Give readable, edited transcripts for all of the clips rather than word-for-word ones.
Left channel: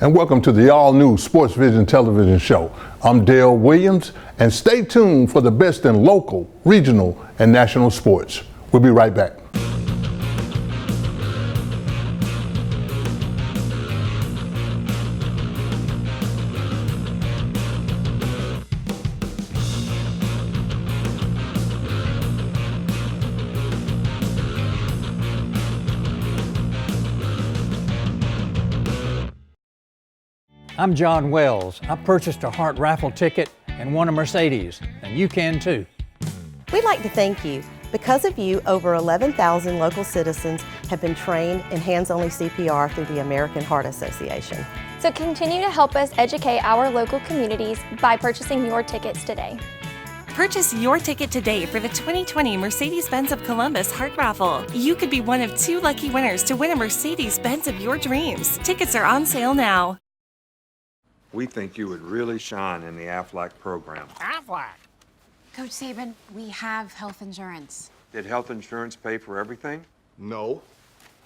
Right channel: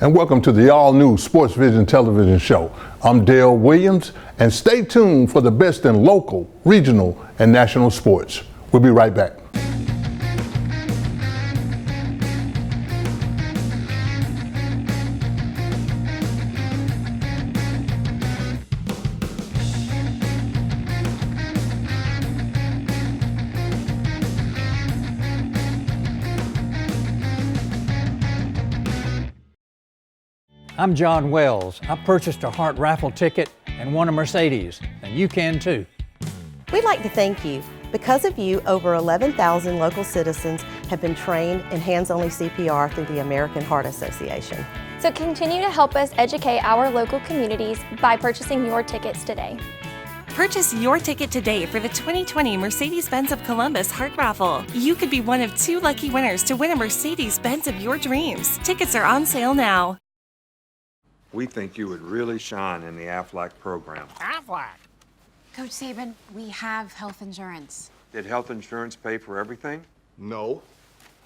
And welcome to the all-new Sports Vision television show. I'm Dale Williams, and stay tuned for the best in local, regional, and national sports. We'll be right back. I'm John Wells. I purchased a Hart raffle ticket and won a Mercedes, and you can too. We'd like to thank you. Because of you, over 11,000 local citizens have been trained in hands-only CPR through the American Heart Association. So continue to help us educate our local communities by purchasing your tickets today. Purchase your ticket today for the 2020 Mercedes-Benz of Columbus Heart Raffle. You could be one of 2 lucky winners to win a Mercedes-Benz of your dreams. Tickets are on sale now. We think you would really shine in the Aflac program. Aflac? Coach Saban, we have health insurance. Did health insurance pay for everything? No.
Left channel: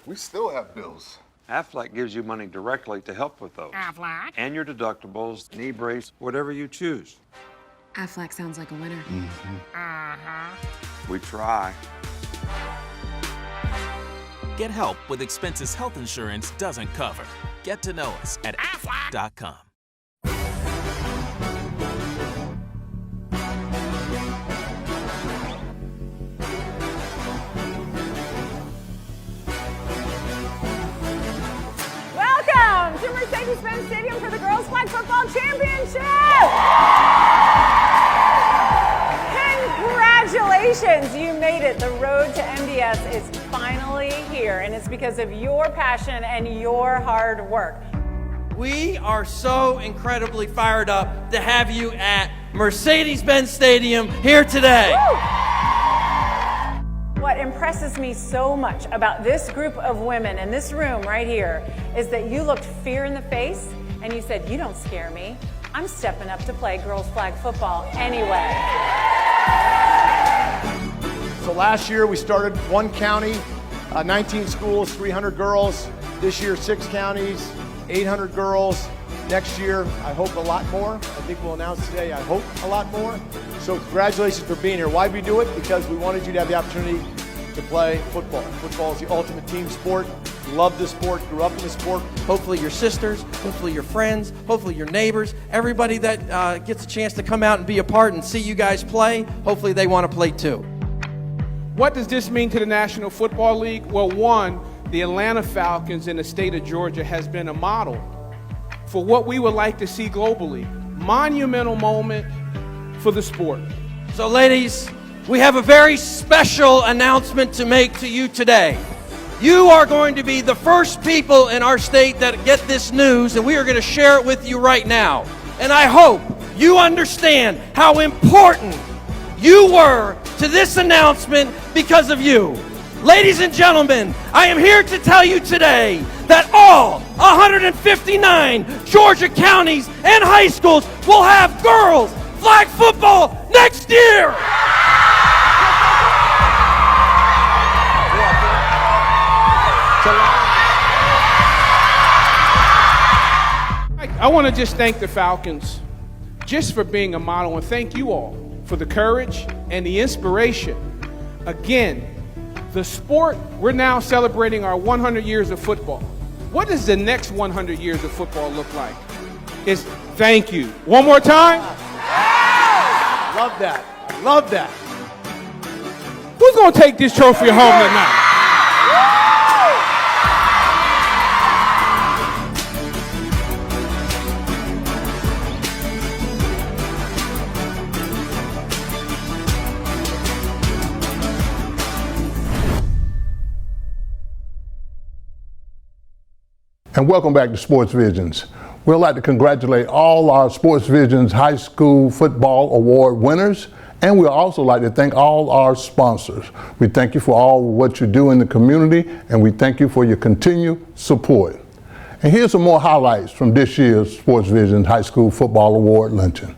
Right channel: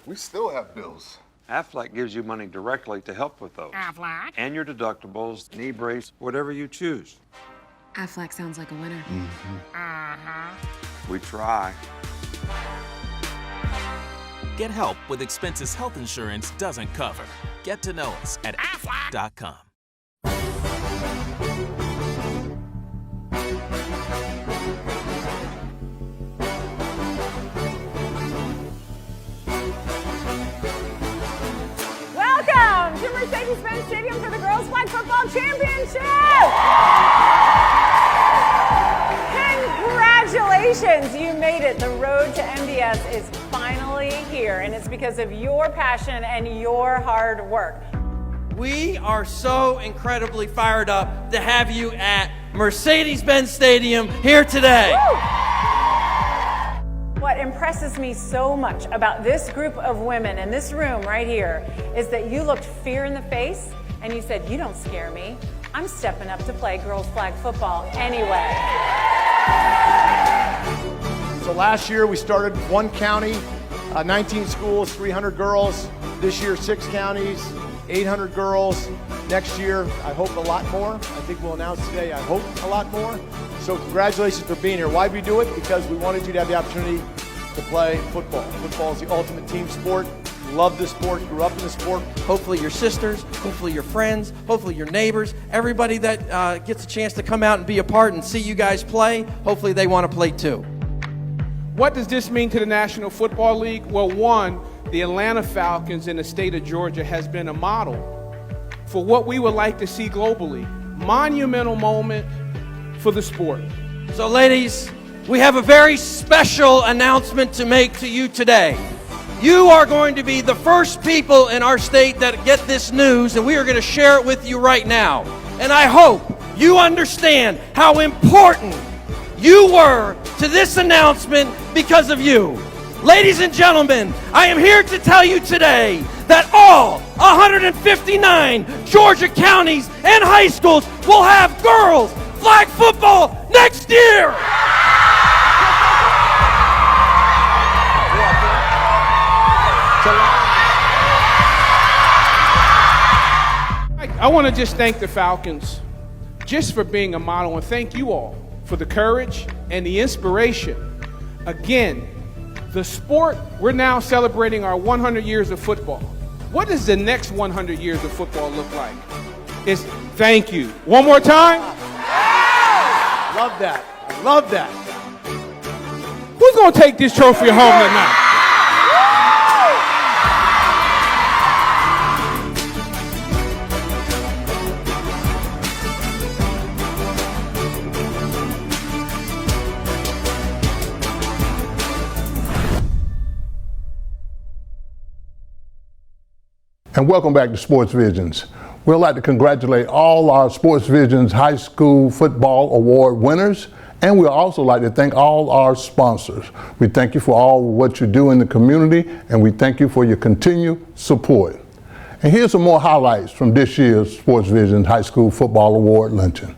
We still have bills. Aflac gives you money directly to help with those. Aflac? And your deductibles, knee brace, whatever you choose. Aflac sounds like a winner. Mm-hmm. Uh-huh. We try. Get help with expenses health insurance doesn't cover. Get to know us at aflac.com. Welcome to Mercedes-Benz Stadium for the Girls Flag Football Championship! Congratulations, you made it. The road to MDS is finally here, and it's because of your passion and your hard work. We are so incredibly fired up to have you at Mercedes-Benz Stadium here today. Woo! What impresses me so much about this group of women in this room right here is that you looked fear in the face and you said, "You don't scare me. I'm stepping up to play girls flag football anyway." So last year we started 1 county, 19 schools, 300 girls. This year 6 counties, 800 girls. Next year, I hope a lot more. I think we'll announce today, I hope a lot more. So congratulations for being here. Why'd we do it? Because we wanted you to have the opportunity to play football. Football is the ultimate team sport. Love the sport, grew up in the sport. Hopefully your sisters, hopefully your friends, hopefully your neighbors, everybody that gets a chance to come out and be a part and see you guys play, hopefully they want to play too. What does this mean to the National Football League? Well, one, the Atlanta Falcons in the state of Georgia has been a model for what we would like to see globally. Monumental moment for the sport. So ladies, we have a very special announcement to make to you today. You are going to be the first people in our state that get this news, and we are going to share it with you right now. And I hope you understand how important you were to this announcement because of you. Ladies and gentlemen, I am here to tell you today that all 159 Georgia counties and high schools will have girls flag football next year. I want to just thank the Falcons just for being a model, and thank you all for the courage and the inspiration. Again, the sport, we're now celebrating our 100 years of football. What does the next 100 years of football look like? It's thank you. One more time. Love that. I love that. Who's going to take this trophy home tonight? And welcome back to Sports Visions. We'd like to congratulate all our Sports Visions High School Football Award winners, and we'd also like to thank all our sponsors. We thank you for all what you do in the community, and we thank you for your continued support. And here's some more highlights from this year's Sports Visions High School Football Award luncheon.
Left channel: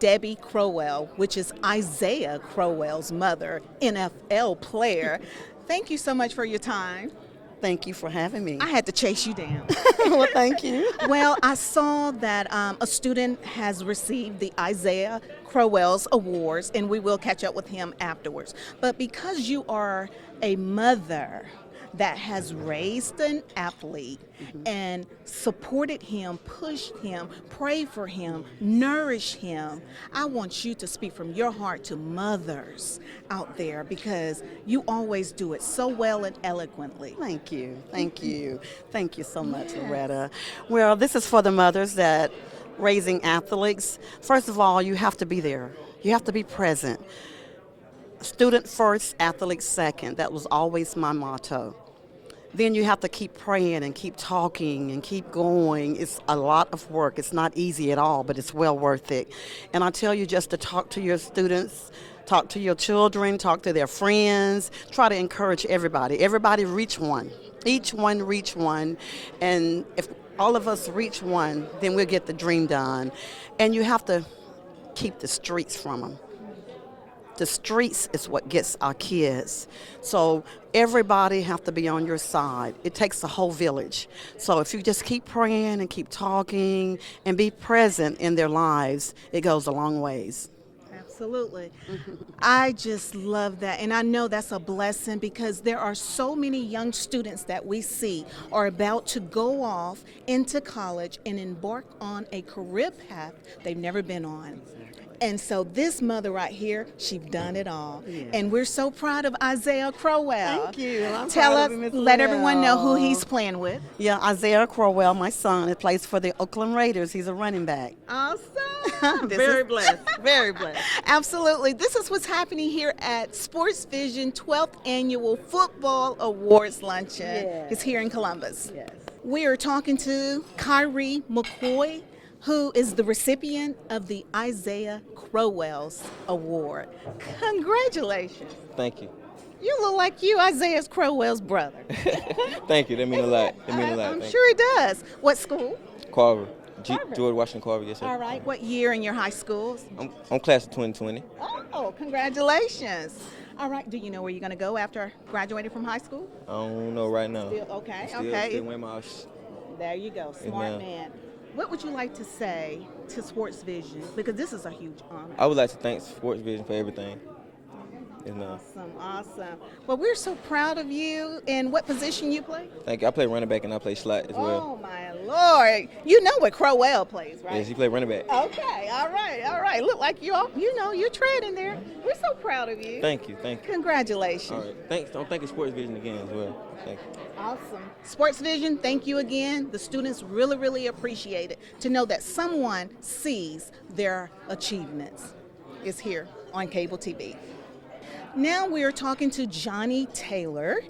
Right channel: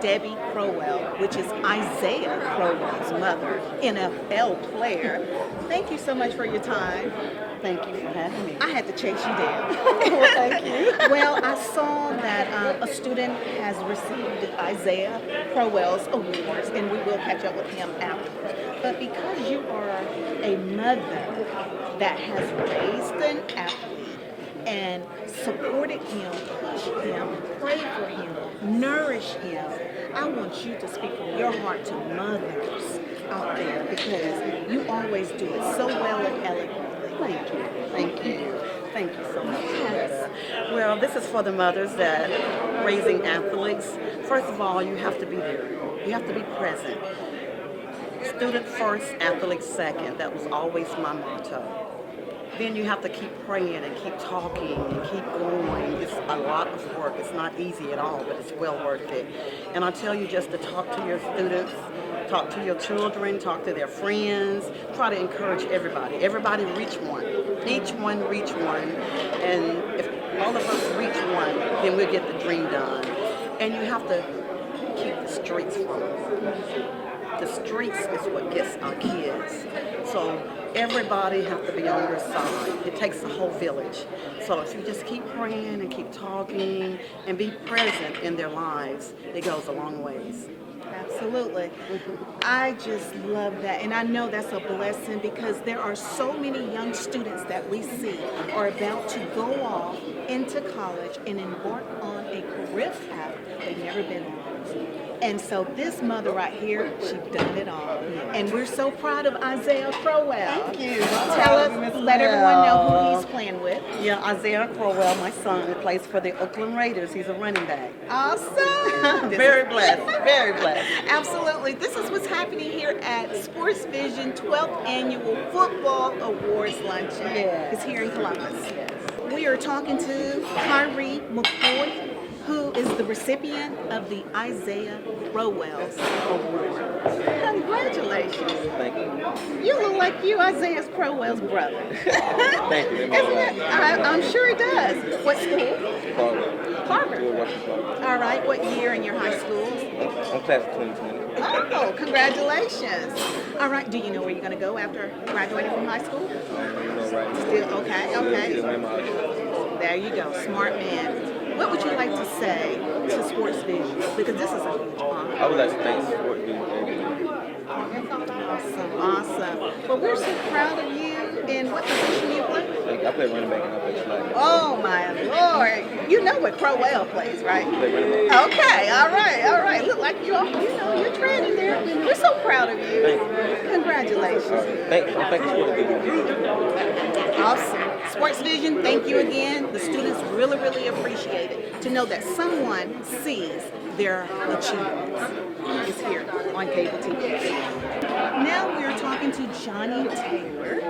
Debbie Crowell, which is Isaiah Crowell's mother, NFL player. Thank you so much for your time. Thank you for having me. I had to chase you down. Well, thank you. Well, I saw that a student has received the Isaiah Crowell's Awards, and we will catch up with him afterwards. But because you are a mother that has raised an athlete and supported him, pushed him, prayed for him, nourished him, I want you to speak from your heart to mothers out there, because you always do it so well and eloquently. Thank you. Thank you. Thank you so much, Loretta. Well, this is for the mothers that raising athletes. First of all, you have to be there. You have to be present. Student first, athlete second. That was always my motto. Then you have to keep praying and keep talking and keep going. It's a lot of work. It's not easy at all, but it's well worth it. And I tell you just to talk to your students, talk to your children, talk to their friends, try to encourage everybody. Everybody reach one. Each one reach one. And if all of us reach one, then we'll get the dream done. And you have to keep the streets from them. The streets is what gets our kids. So everybody have to be on your side. It takes a whole village. So if you just keep praying and keep talking and be present in their lives, it goes a long ways. Absolutely. I just love that. And I know that's a blessing, because there are so many young students that we see are about to go off into college and embark on a career path they've never been on. And so this mother right here, she's done it all. And we're so proud of Isaiah Crowell. Thank you. Tell us, let everyone know who he's playing with. Yeah, Isaiah Crowell, my son, it plays for the Oakland Raiders. He's a running back. Awesome. Very blessed. Very blessed. Absolutely. This is what's happening here at Sports Vision 12th Annual Football Awards Luncheon. Yes. It's here in Columbus. We are talking to Kyrie McCoy, who is the recipient of the Isaiah Crowell's Award. Congratulations. Thank you. You look like you Isaiah Crowell's brother. Thank you. That means a lot. I'm sure it does. What school? Carver. George Washington Carver. Yes, all right. What year in your high school? I'm class of 2020. Oh, congratulations. All right. Do you know where you're going to go after graduating from high school? I don't know right now. Still, okay. There you go. Smart man. What would you like to say to Sports Vision? Because this is a huge honor. I would like to thank Sports Vision for everything. Awesome. Well, we're so proud of you. In what position you play? Thank you. I play running back and I play slot. Oh, my Lord. You know what Crowell plays, right? He play running back. Okay. All right. Look like you're trading there. We're so proud of you. Thank you. Congratulations. All right. Thank you, Sports Vision. Awesome. Sports Vision, thank you again. The students really, really appreciate it to know that someone sees their achievements. It's here on cable TV. Now we're talking to Johnny Taylor,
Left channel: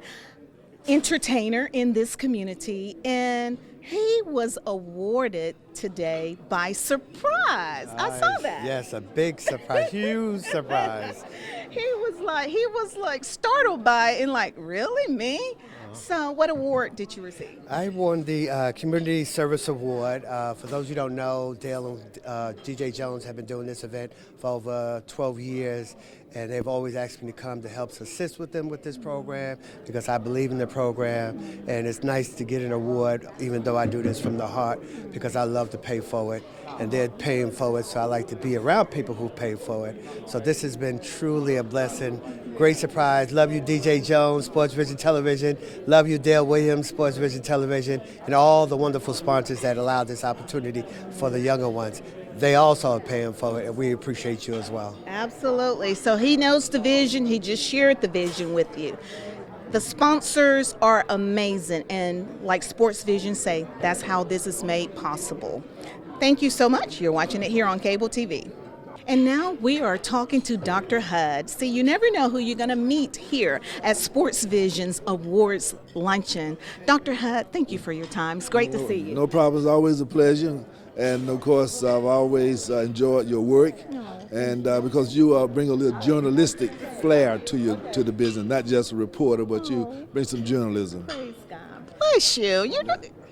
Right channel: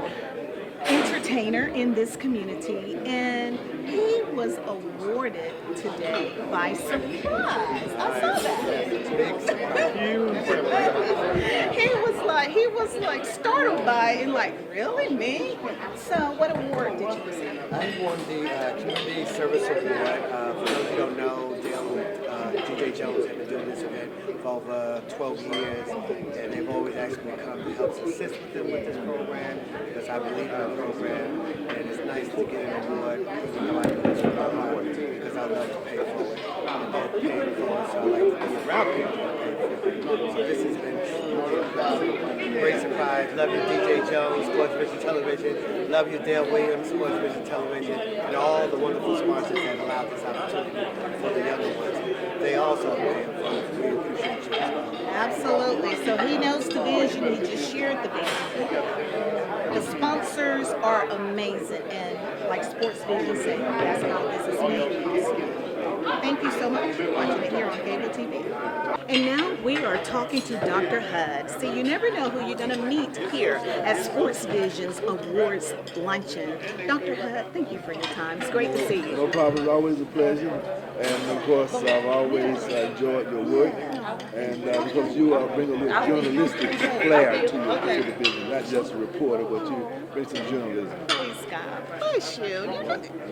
entertainer in this community, and he was awarded today by surprise. I saw that. Yes, a big surprise, huge surprise. He was like startled by it, and like, really, me? So what award did you receive? I won the Community Service Award. For those who don't know, Dale and DJ Jones have been doing this event for over 12 years, and they've always asked me to come to help assist with them with this program, because I believe in the program, and it's nice to get an award, even though I do this from the heart, because I love to pay for it, and they're paying for it, so I like to be around people who pay for it. So this has been truly a blessing. Great surprise. Love you, DJ Jones, Sports Vision Television. Love you, Dale Williams, Sports Vision Television, and all the wonderful sponsors that allow this opportunity for the younger ones. They also are paying for it, and we appreciate you as well. Absolutely. So he knows the vision. He just shared the vision with you. The sponsors are amazing, and like Sports Vision say, that's how this is made possible. Thank you so much. You're watching it here on cable TV. And now we are talking to Dr. Hud. See, you never know who you're going to meet here at Sports Vision's Awards Luncheon. Dr. Hud, thank you for your time. It's great to see you. No problem. It's always a pleasure. And, of course, I've always enjoyed your work. And because you bring a little journalistic flair to the business, not just a reporter, but you bring some journalism. Bless you.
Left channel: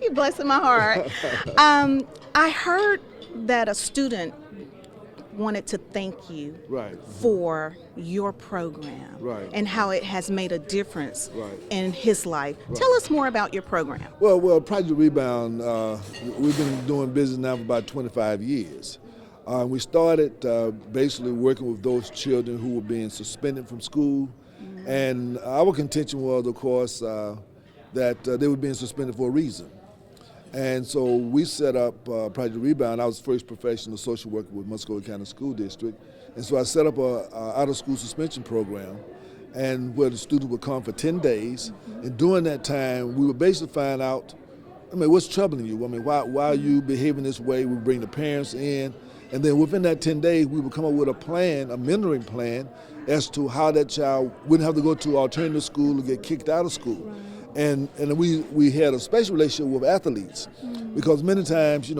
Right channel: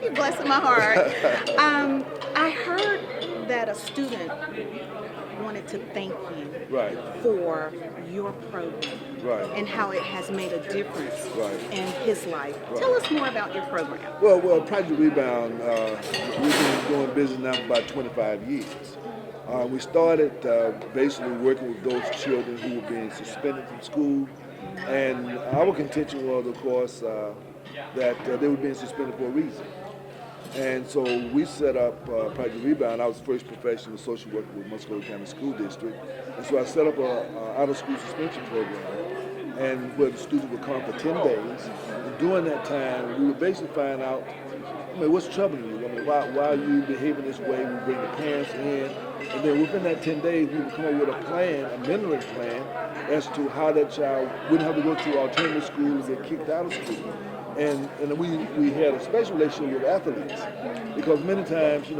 You're blessing my heart. I heard that a student wanted to thank you Right. for your program Right. and how it has made a difference Right. in his life. Right. Tell us more about your program. Well, Project Rebound, we've been doing business now for about 25 years. We started basically working with those children who were being suspended from school, and our contention was, of course, that they were being suspended for a reason. And so we set up Project Rebound. I was the first professional social worker with Muscoda County School District, and so I set up a out-of-school suspension program, and where the students would come for 10 days. And during that time, we would basically find out, what's troubling you? Why are you behaving this way? We bring the parents in, and then within that 10 days, we would come up with a plan, a mentoring plan, as to how that child wouldn't have to go to alternative school or get kicked out of school. And we had a special relationship with athletes, because many times,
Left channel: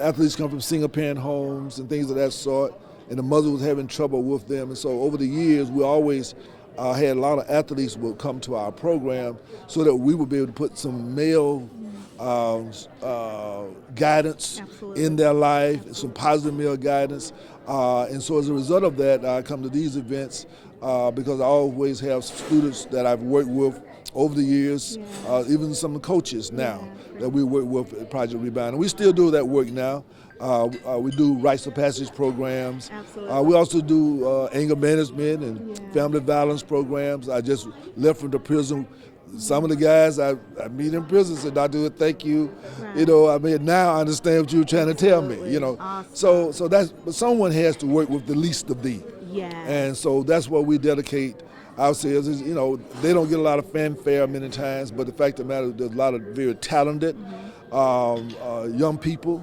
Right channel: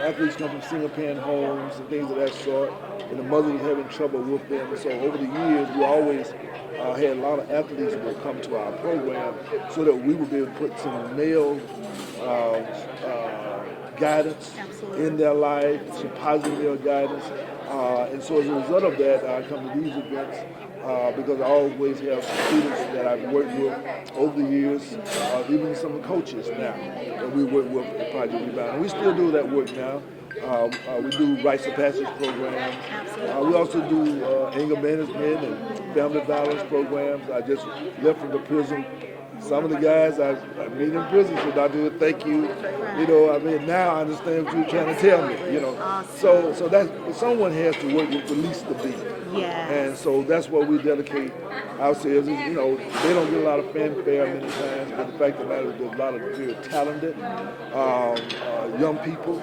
athletes come from single-parent homes and things of that sort, and the mother was having trouble with them. And so over the years, we always had a lot of athletes will come to our program so that we would be able to put some male guidance in their life, some positive male guidance. And so as a result of that, I come to these events because I always have students that I've worked with over the years, even some coaches now that we work with at Project Rebound. And we still do that work now. We do rites of passage programs. We also do anger management and family violence programs. I just left from the prison. Some of the guys I meet in prison said, "Dr. Hood, thank you." Now I understand what you were trying to tell me. So that's someone has to work with the least to be. And so that's what we dedicate ourselves. They don't get a lot of fanfare many times, but the fact of the matter is there's a lot of very talented young people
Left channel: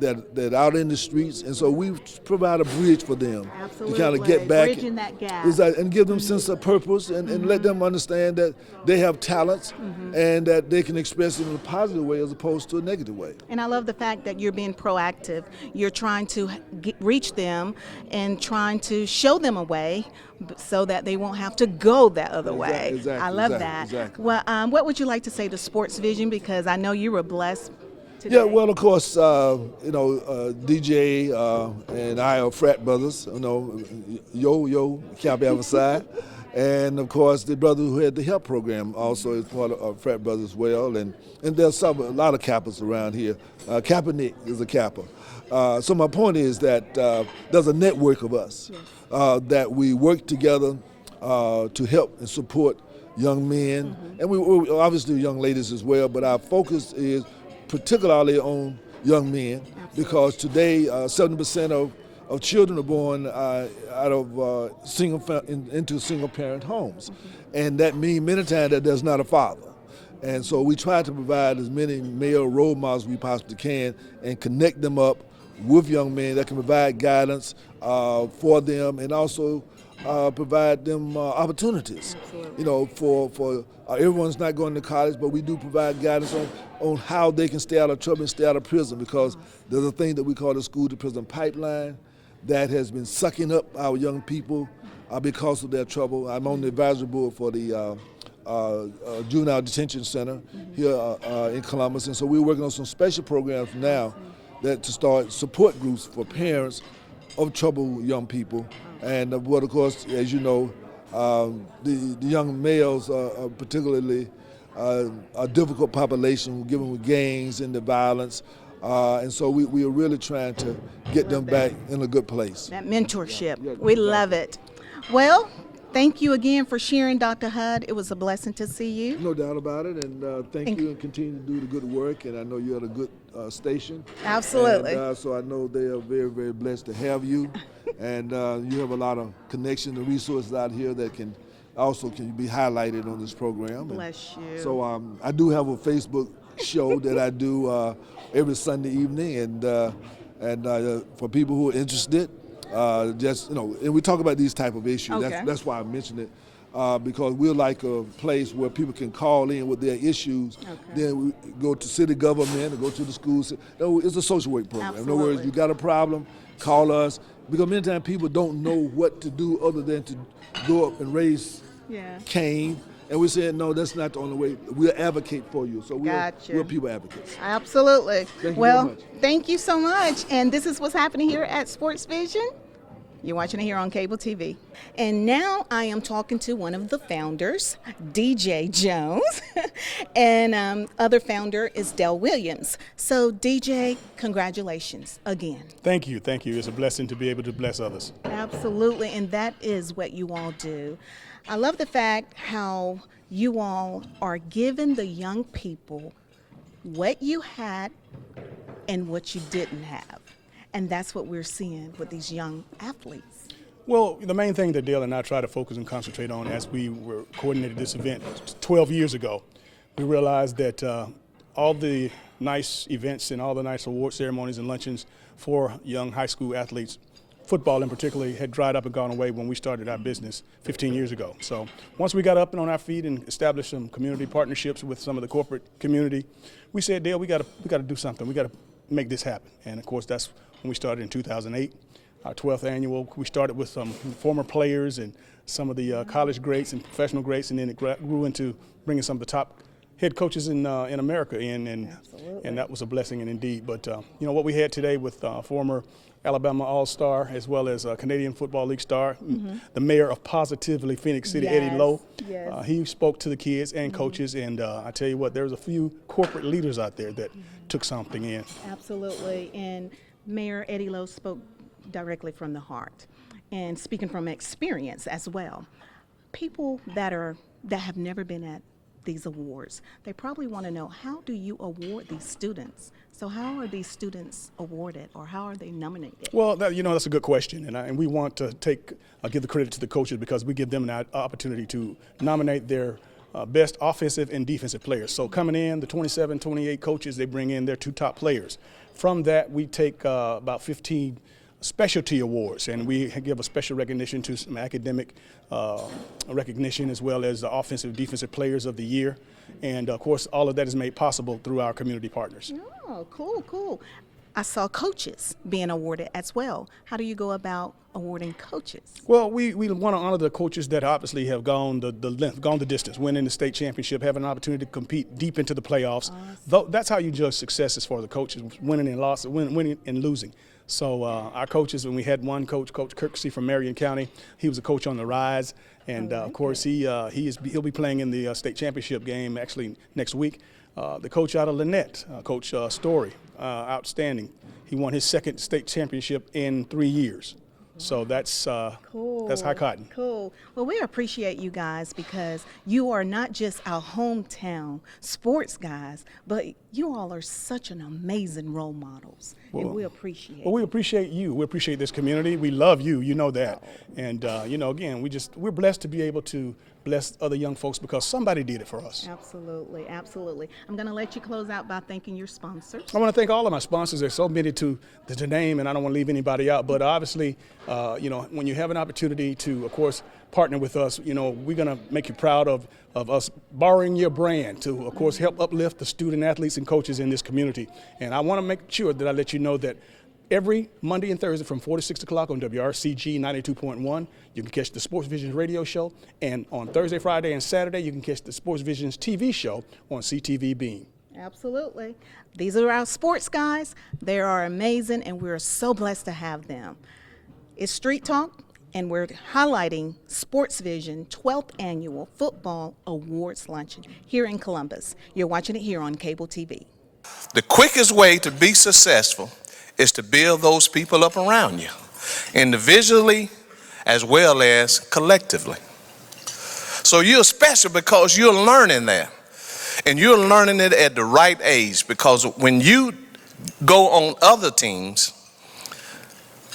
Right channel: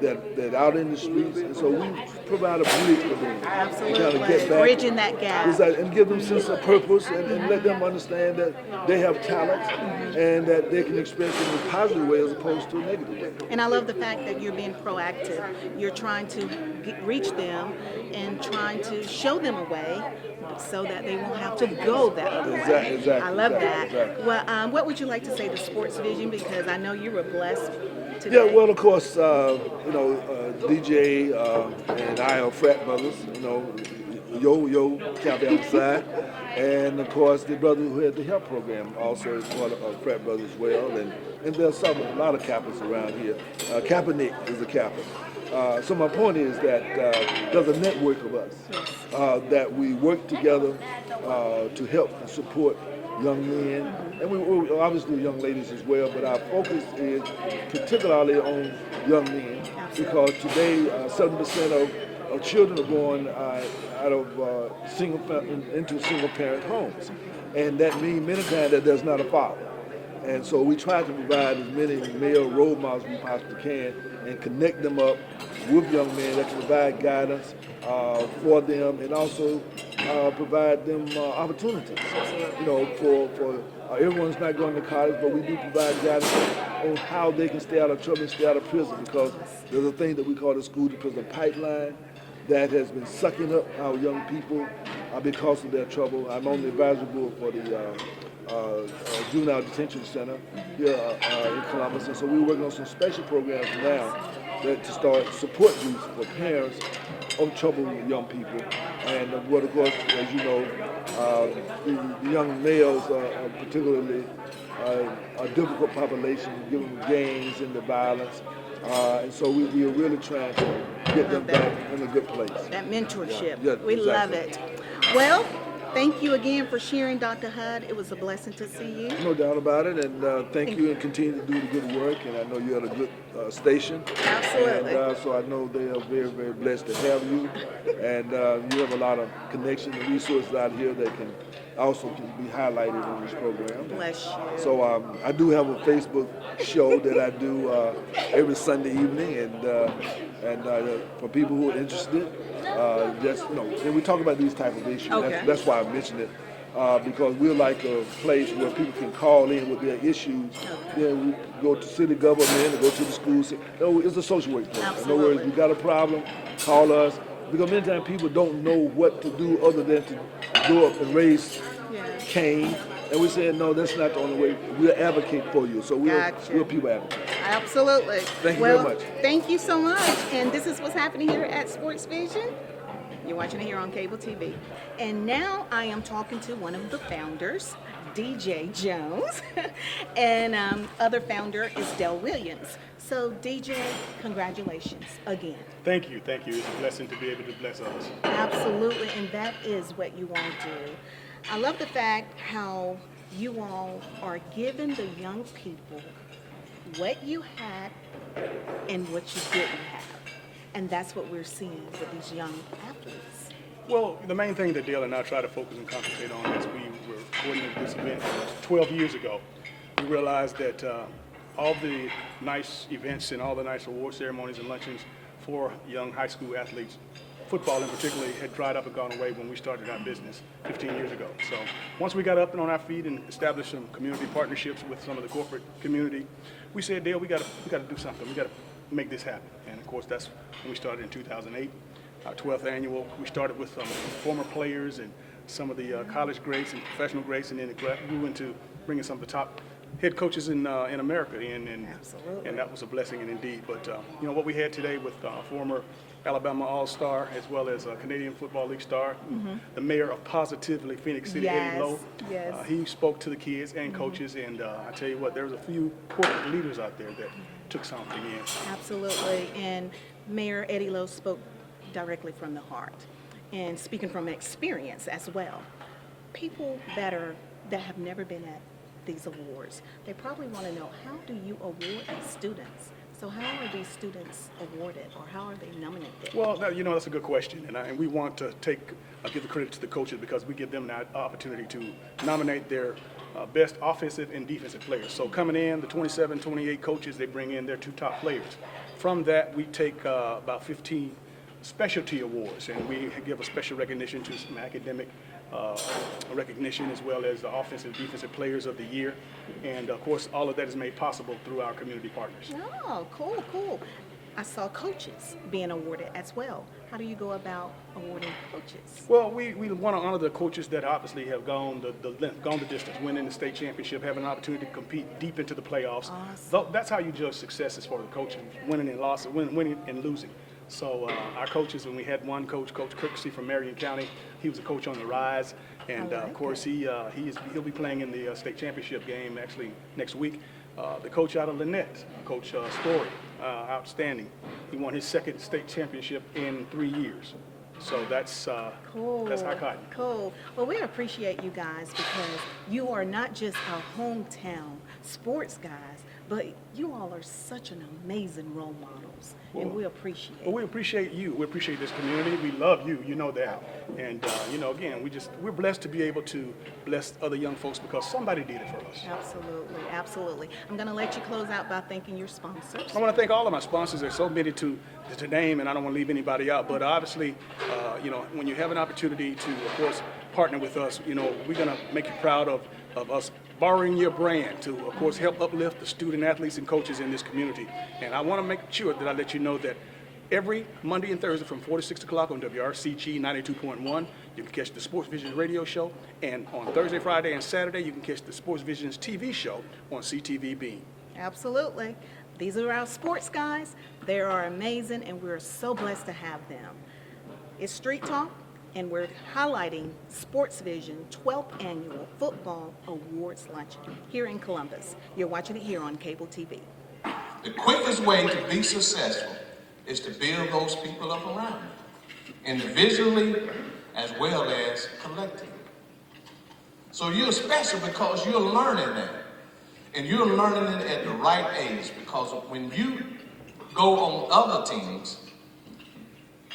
that out in the streets, and so we provide a bridge for them to kind of get back, bridging that gap, and give them a sense of purpose, and let them understand that they have talents and that they can express it in a positive way as opposed to a negative way. And I love the fact that you're being proactive. You're trying to reach them and trying to show them a way so that they won't have to go that other way. Exactly, I love that. Exactly. Well, what would you like to say to Sports Vision, because I know you were blessed today? Yeah, well, of course, DJ and I are frat brothers, Yo Cap Side. And of course, the brother who had the HELP program also is part of frat brothers as well. And there's a lot of Kappas around here. Kaepernick is a Kappa. So my point is that there's a network of us that we work together to help and support young men, and we obviously young ladies as well, but our focus is particularly on young men, because today 7% of children are born out of into single-parent homes, and that means many times that there's not a father. And so we try to provide as many male role models we possibly can and connect them up with young men that can provide guidance for them, and also provide them opportunities. For everyone's not going to college, but we do provide guidance on how they can stay out of trouble and stay out of prison, because there's a thing that we call the school to prison pipeline that has been sucking up our young people because of their trouble. I'm on the advisory board for the Juvenile Detention Center here in Columbus, and so we're working on some special programs now that to start support groups for parents of troubled young people. And of course, as you know, the young males are particularly a difficult population, given with gangs and the violence. And so we are really trying to get them back in a good place. That mentorship. Yeah, we exactly. love it. Well, thank you again for sharing, Dr. Hud. It was a blessing to see you. No doubt about it, and thank you, and continue to do the good work. And I know you're at a good station. Absolutely. And, so I know they are very, very blessed to have you, and you have a lot of connections and resources out here that can be highlighted in this program. Bless you. So I do have a Facebook show that I do every Sunday evening, and for people who are interested, and we talk about these type of issues. Okay. That's why I mentioned it. Because we're like a place where people can call in with their issues. Then we go to city government and go to the schools. No, it's a social work program. In other words, you got a problem, call us. Because many times people don't know what to do other than to go up and raise Cain And we're saying, no, that's not the only way. We'll advocate for you. So we're people advocates. Absolutely. Thank you well, very much. Thank you so much. And this is what's happening here at Sports Vision. You're watching it here on cable TV. And now I am talking to one of the founders, DJ Jones, and other founder is Dell Williams. So DJ, congratulations again. Thank you. It's a blessing to be able to bless others. Absolutely, and that is what you all do. I love the fact how you all are giving the young people what you had and what you didn't have. And that's what we're seeing with these young athletes. Well, the main thing that Dale and I try to focus and concentrate on as we were coordinating this event 12 years ago, we realized that all the nice events and all the nice award ceremonies and luncheons for young high school athletes, football in particular, had dried up and gone away when we started our business 15 years ago. So once we got up and on our feet and established some community partnerships with some of the corporate community, we said, Dale, we got to do something. We got to make this happen. And of course, that's when we started in 2008, our 12th annual. We started with some former players and some of the college greats and professional greats, and then it grew into bringing some of the top head coaches in America in, and that was a blessing indeed. But you know what we had today with former Alabama All-Star as well as Canadian Football League star, the mayor of positively Phoenix City, Eddie Lowe. He spoke to the kids and coaches, and I tell you what, there was a few corporate leaders out there that took something in. Absolutely, and Mayor Eddie Lowe spoke directly from the heart, and speaking from experience as well. People that have never been at these awards, they probably want to know, how do you award these students? So how are these students awarded, or how are they nominated? Well, that's a good question, and we want to give the credit to the coaches, because we give them an opportunity to nominate their best offensive and defensive players. So coming in, the 27, 28 coaches, they bring in their 2 top players. From that, we take about 15 specialty awards, and we give a special recognition to some academic recognition, as well as the offensive and defensive players of the year. And of course, all of that is made possible through our community partners. Oh, cool. I saw coaches being awarded as well. How do you go about awarding coaches? Well, we want to honor the coaches that obviously have gone the length, gone the distance, winning the state championship, having an opportunity to compete deep into the playoffs. Awesome. That's how you judge successes for the coaches, winning and losing, winning and losing. So our coaches, when we had one coach, Coach Kirksey from Marion County, he was a coach on the rise, and of course he'll be playing in the state championship game actually next week. The coach out of Lynette, Coach Story, outstanding. He won his 2nd state championship in 3 years. So that's cool. That's high cotton. Cool. Well, we appreciate you guys, because you are not just our hometown sports guys, but you all are such an amazing role models, and we appreciate it. Well, we appreciate you. We appreciate this community. We love you. You know that. And again, we're blessed to be able to bless other young folks, because somebody did it for us. Absolutely. I'm going to let you close out by thanking your sponsors. I want to thank all of my sponsors. There's so many to name, and I don't want to leave anybody out. But obviously, when you have an opportunity to, of course, partner with us, we're going to make you proud of us borrowing your brand to, of course, help uplift the student athletes and coaches in this community. And I want to make sure that I let you know that every Monday and Thursday from 4 to 6 o'clock on WRCG 92.1, you can catch the Sports Vision radio show. And on Thursday, Friday, and Saturday, you can catch the Sports Vision's TV show on CTV Beam. Absolutely. These are our sports guys. They are amazing, and we're so blessed to have them. It's Street Talk, and we're highlighting Sports Vision 12th Annual Football Awards Luncheon here in Columbus. You're watching it here on cable TV. The quickest way to be successful is to build those people up around you, individually as well as collectively. So you're special because you're learning that. And you're learning it at the right age, because when you go on other teams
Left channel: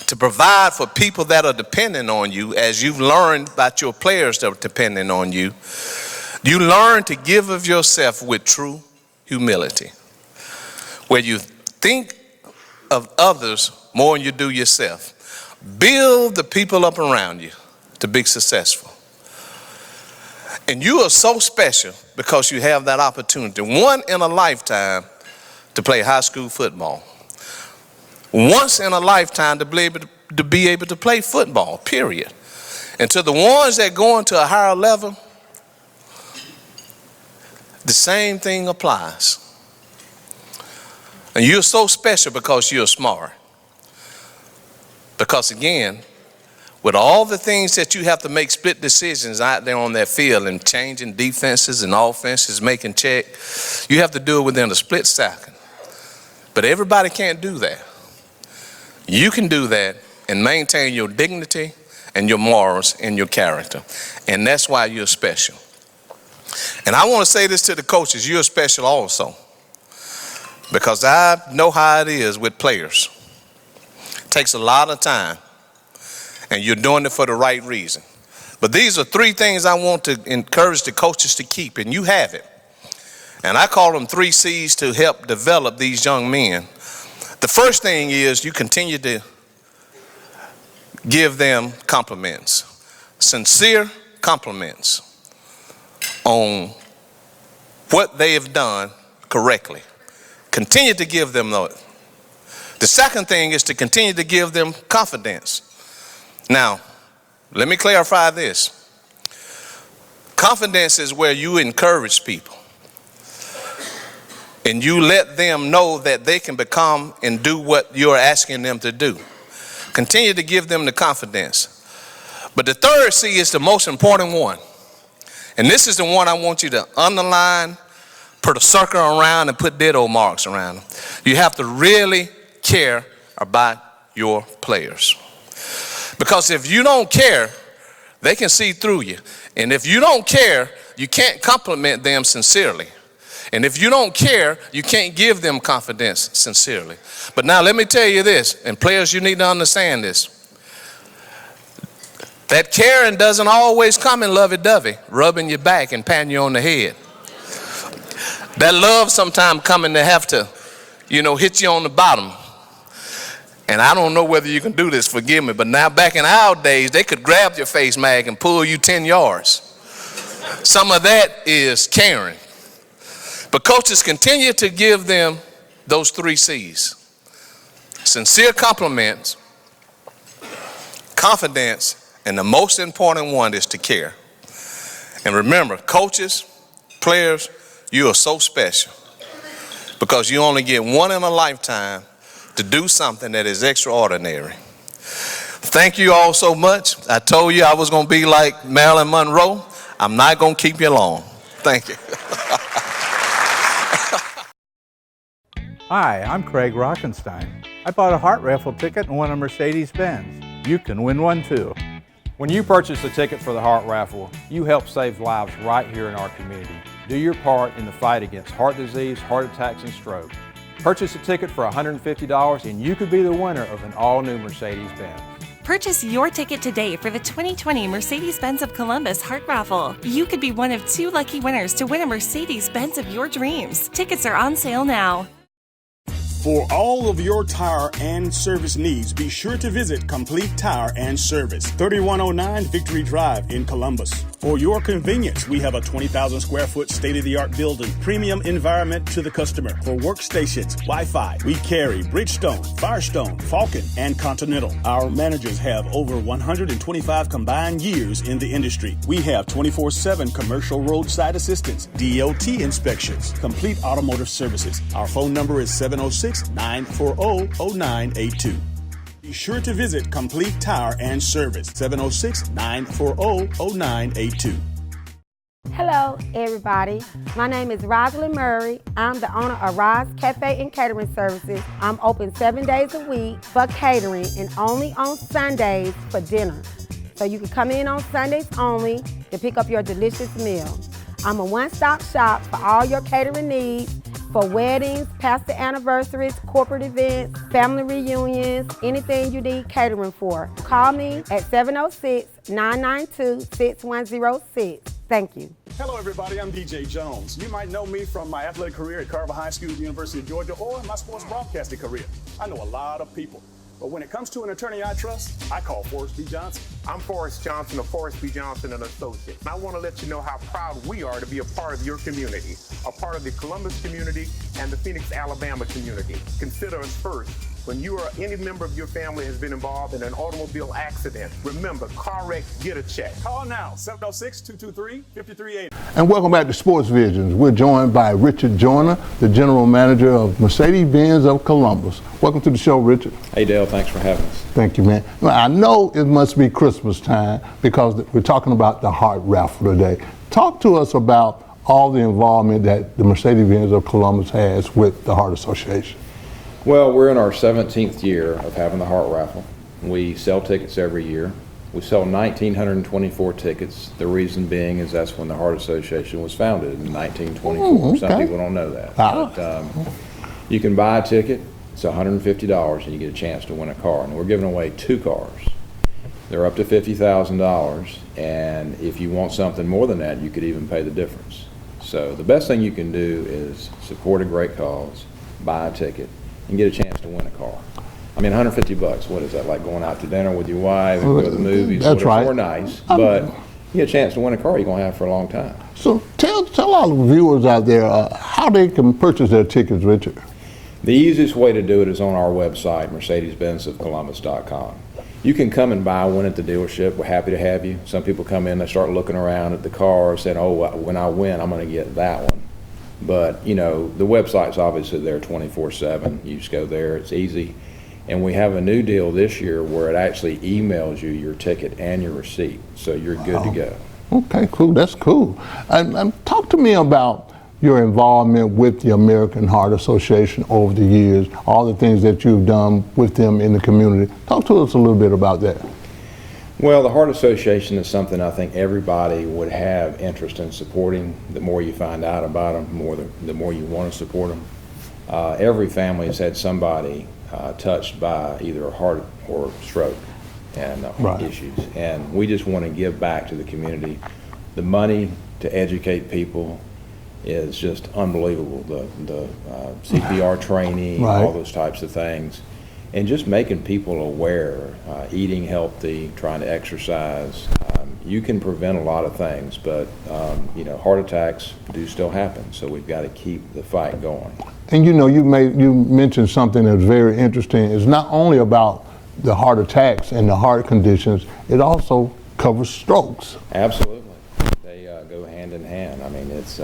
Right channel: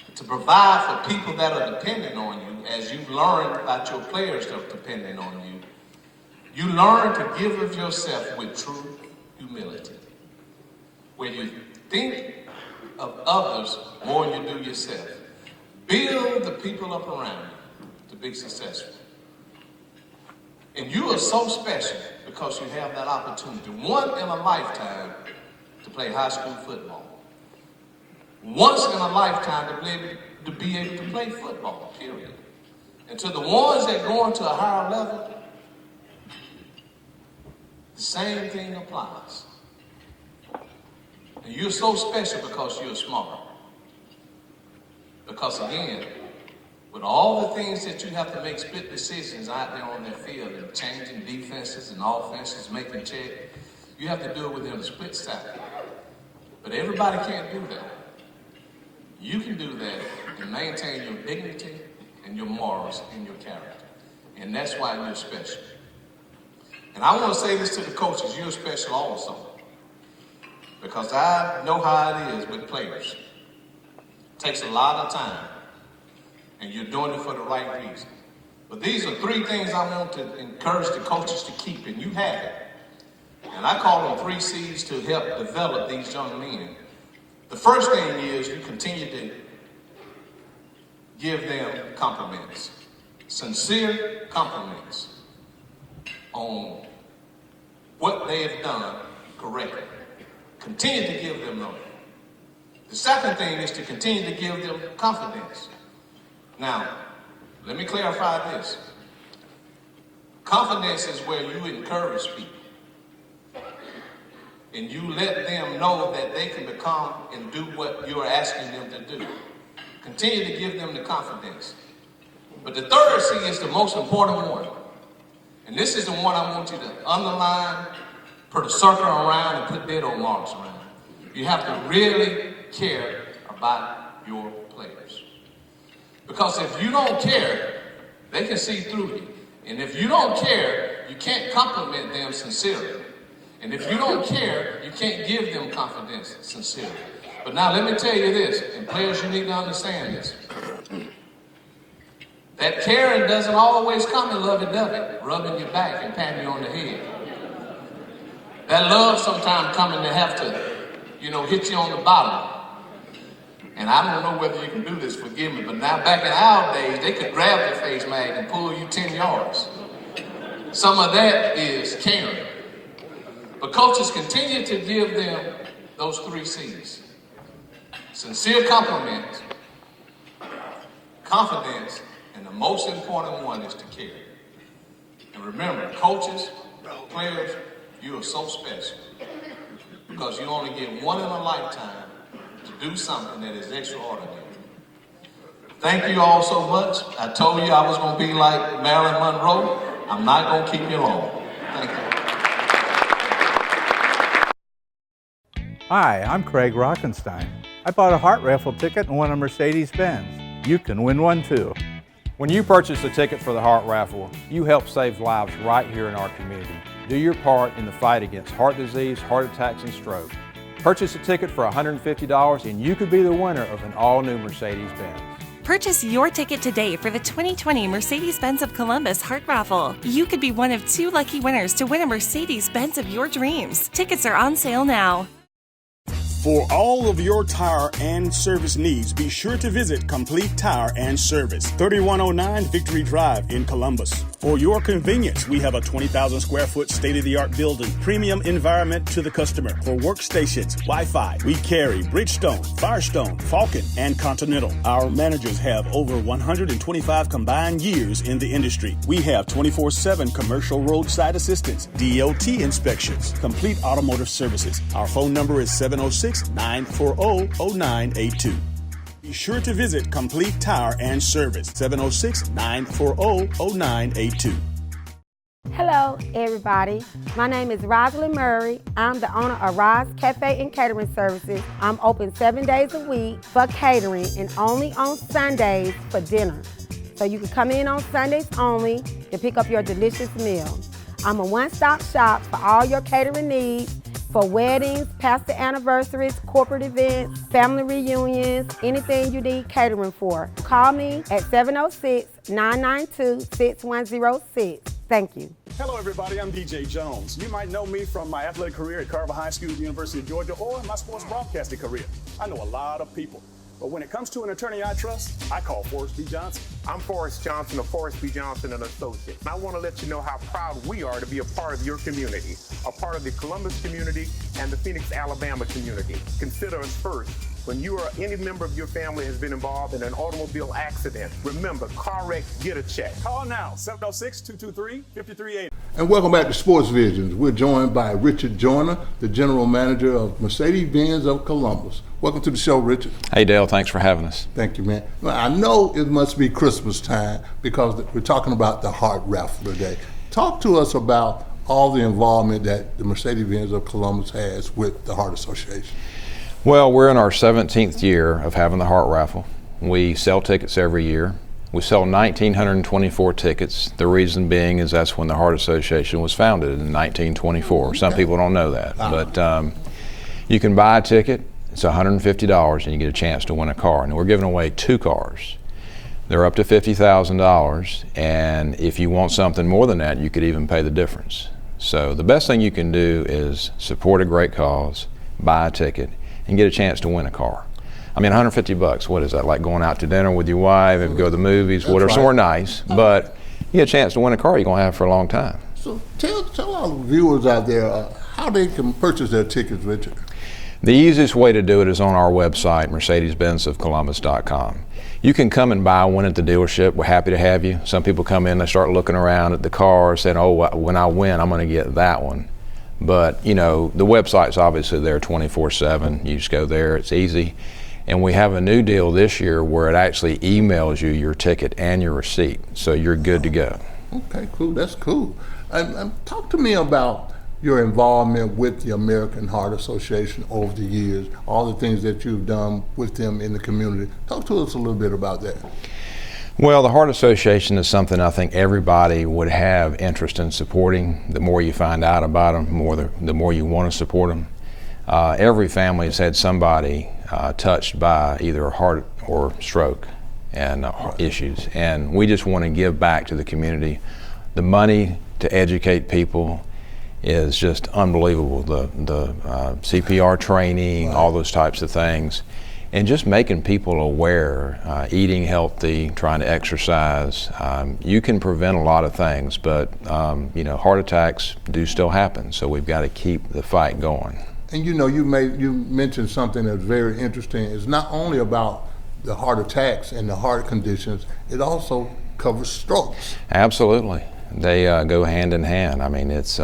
to provide for people that are dependent on you, as you've learned about your players that are dependent on you, you learn to give of yourself with true humility, where you think of others more than you do yourself. Build the people up around you to be successful. And you are so special because you have that opportunity, one in a lifetime, to play high school football. Once in a lifetime to be able to play football, period. And to the ones that go into a higher level, the same thing applies. And you're so special because you're smart. Because again, with all the things that you have to make split decisions out there on that field and changing defenses and offenses, making check, you have to do it within a split second. But everybody can't do that. You can do that and maintain your dignity and your morals and your character. And that's why you're special. And I want to say this to the coaches, you're special also. Because I know how it is with players. It takes a lot of time. And you're doing it for the right reason. But these are 3 things I want to encourage the coaches to keep, and you have it. And I call them 3 C's to help develop these young men. The first thing is you continue to give them compliments, sincere compliments on what they have done correctly. Continue to give them those. The second thing is to continue to give them confidence. Now, let me clarify this. Confidence is where you encourage people and you let them know that they can become and do what you're asking them to do. Continue to give them the confidence. But the third C is the most important one. And this is the one I want you to underline, put a circle around, and put ditto marks around. You have to really care about your players. Because if you don't care, they can see through you. And if you don't care, you can't compliment them sincerely. And if you don't care, you can't give them confidence sincerely. But now let me tell you this, and players, you need to understand this. That caring doesn't always come in lovey-dovey, rubbing your back and patting you on the head. That love sometimes coming to have to, hit you on the bottom. And I don't know whether you can do this, forgive me, but now back in our days, they could grab your face mag and pull you 10 yards. Some of that is caring. But coaches continue to give them those 3 C's. Sincere compliments, confidence, and the most important one is to care. And remember, coaches, players, you are so special because you only get one in a lifetime to do something that is extraordinary. Thank you all so much. I told you I was going to be like Marilyn Monroe. I'm not going to keep you long. Thank you. Hi, I'm Craig Rockenstein. I bought a heart raffle ticket and won a Mercedes-Benz. You can win one too. When you purchase a ticket for the heart raffle, you help save lives right here in our community. Do your part in the fight against heart disease, heart attacks, and stroke. Purchase a ticket for $150 and you could be the winner of an all-new Mercedes-Benz. Purchase your ticket today for the 2020 Mercedes-Benz of Columbus Heart Raffle. You could be one of 2 lucky winners to win a Mercedes-Benz of your dreams. Tickets are on sale now. For all of your tire and service needs, be sure to visit Complete Tire and Service, 3109 Victory Drive in Columbus. For your convenience, we have a 20,000 square foot state-of-the-art building, premium environment to the customer. For workstations, Wi-Fi, we carry Bridgestone, Firestone, Falcon, and Continental. Our managers have over 125 combined years in the industry. We have 24/7 commercial roadside assistance, DOT inspections, complete automotive services. Our phone number is 706-940-0982. Be sure to visit Complete Tire and Service, 706-940-0982. Hello, everybody. My name is Rosalind Murray. I'm the owner of Roz Cafe and Catering Services. I'm open 7 days a week for catering and only on Sundays for dinner. So you can come in on Sundays only to pick up your delicious meal. I'm a one-stop shop for all your catering needs, for weddings, pastor anniversaries, corporate events, family reunions, anything you need catering for. Call me at 706-992-6106. Thank you. Hello, everybody. I'm DJ Jones. You might know me from my athletic career at Carver High School, University of Georgia, or my sports broadcasting career. I know a lot of people. But when it comes to an attorney I trust, I call Forrest B. Johnson. I'm Forrest Johnson of Forrest B. Johnson & Associates. And I want to let you know how proud we are to be a part of your community, a part of the Columbus community and the Phoenix, Alabama community. Consider us first when you or any member of your family has been involved in an automobile accident, remember, car wreck, get a check. Call now, 706-223-5380. And welcome back to Sports Visions. We're joined by Richard Joyner, the General Manager of Mercedes-Benz of Columbus. Welcome to the show, Richard. Hey, Dale, thanks for having us. Thank you, man. Well, I know it must be Christmas time because we're talking about the Heart Raffle today. Talk to us about all the involvement that the Mercedes-Benz of Columbus has with the Heart Association. Well, we're in our 17th year of having the Heart Raffle. We sell tickets every year. We sell 1,924 tickets. The reason being is that's when the Heart Association was founded in 1924. Okay. Some people don't know that. But you can buy a ticket. It's $150 and you get a chance to win a car. And we're giving away 2 cars. They're up to $50,000, and if you want something more than that, you could even pay the difference. So the best thing you can do is support a great cause, buy a ticket, and get a chance to win a car. I mean, $150, what is that, like going out to dinner with your wife, and go to the movies, whatever, somewhere nice, but you get a chance to win a car you're going to have for a long time. So tell our viewers out there how they can purchase their tickets, Richard. The easiest way to do it is on our website, mercedes-benzofcolumbus.com. You can come and buy one at the dealership. We're happy to have you. Some people come in, they start looking around at the car, saying, oh, when I win, I'm going to get that one. But, you know, the website's obviously there 24/7. You just go there, it's easy. And we have a new deal this year where it actually emails you your ticket and your receipt, so you're good to go. Okay, cool, that's cool. And talk to me about your involvement with the American Heart Association over the years, all the things that you've done with them in the community. Talk to us a little bit about that. Well, the Heart Association is something I think everybody would have interest in supporting. The more you find out about them, the more you want to support them. Every family has had somebody touched by either a heart or stroke and issues, and we just want to give back to the community. The money to educate people is just unbelievable. The CPR training, all those types of things. And just making people aware, eating healthy, trying to exercise. You can prevent a lot of things, but you know, heart attacks do still happen, so we've got to keep the fight going. And you know, you mentioned something that's very interesting. It's not only about the heart attacks and the heart conditions, it also covers strokes. Absolutely. They go hand in hand. I mean, it's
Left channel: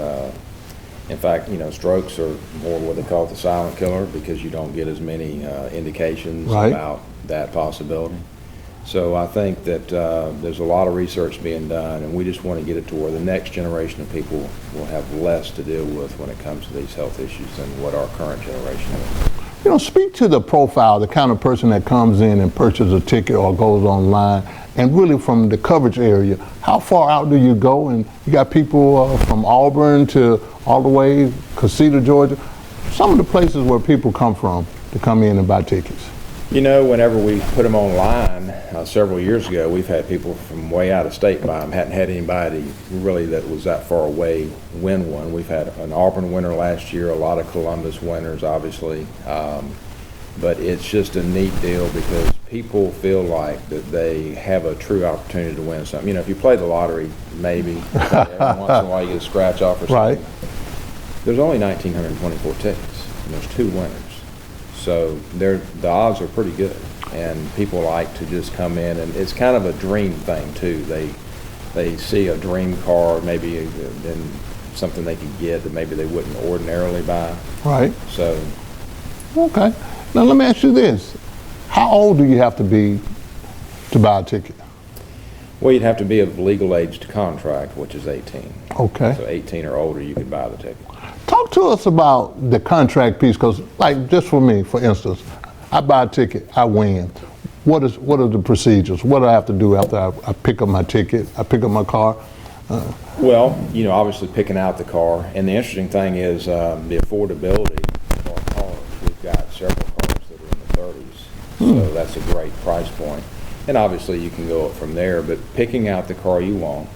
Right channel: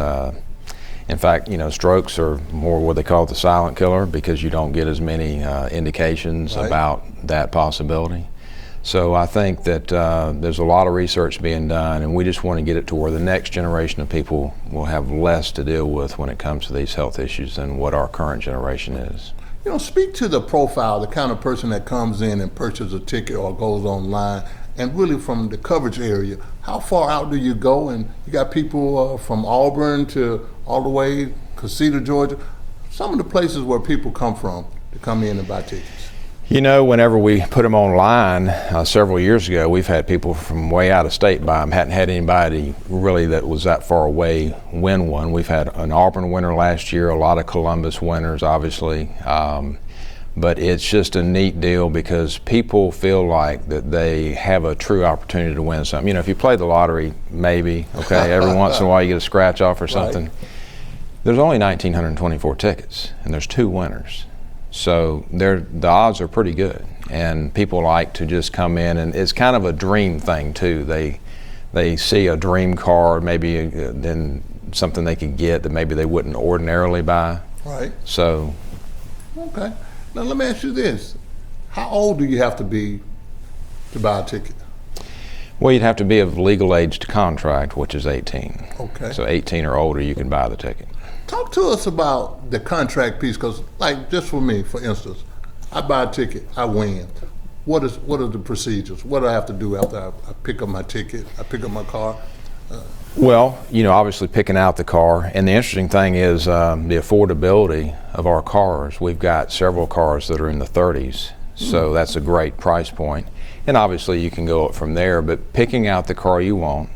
in fact, you know, strokes are more what they call the silent killer because you don't get as many indications about that possibility. So I think that there's a lot of research being done, and we just want to get it to where the next generation of people will have less to deal with when it comes to these health issues than what our current generation is. You know, speak to the profile, the kind of person that comes in and purchases a ticket or goes online, and really from the coverage area, how far out do you go? And you got people from Auburn to all the way Casita, Georgia. Some of the places where people come from to come in and buy tickets. You know, whenever we put them online several years ago, we've had people from way out of state buy them. Hadn't had anybody really that was that far away win one. We've had an Auburn winner last year, a lot of Columbus winners, obviously. But it's just a neat deal because people feel like that they have a true opportunity to win something. You know, if you play the lottery, maybe, okay, every once in a while you get a scratch off or something. There's only 1,924 tickets, and there's 2 winners. So the odds are pretty good, and people like to just come in, and it's kind of a dream thing too. They see a dream car, maybe then something they could get that maybe they wouldn't ordinarily buy. Right. So. Okay. Now let me ask you this. How old do you have to be to buy a ticket? Well, you'd have to be of legal age to contract, which is 18. Okay. So 18 or older, you can buy the ticket. Talk to us about the contract piece, because like just for me, for instance, I buy a ticket, I win. What are the procedures? What do I have to do after I pick up my ticket, I pick up my car? Well, you know, obviously picking out the car, and the interesting thing is the affordability of our cars. We've got several cars that are in the 30s, so that's a great price point. And obviously you can go up from there, but picking out the car you want,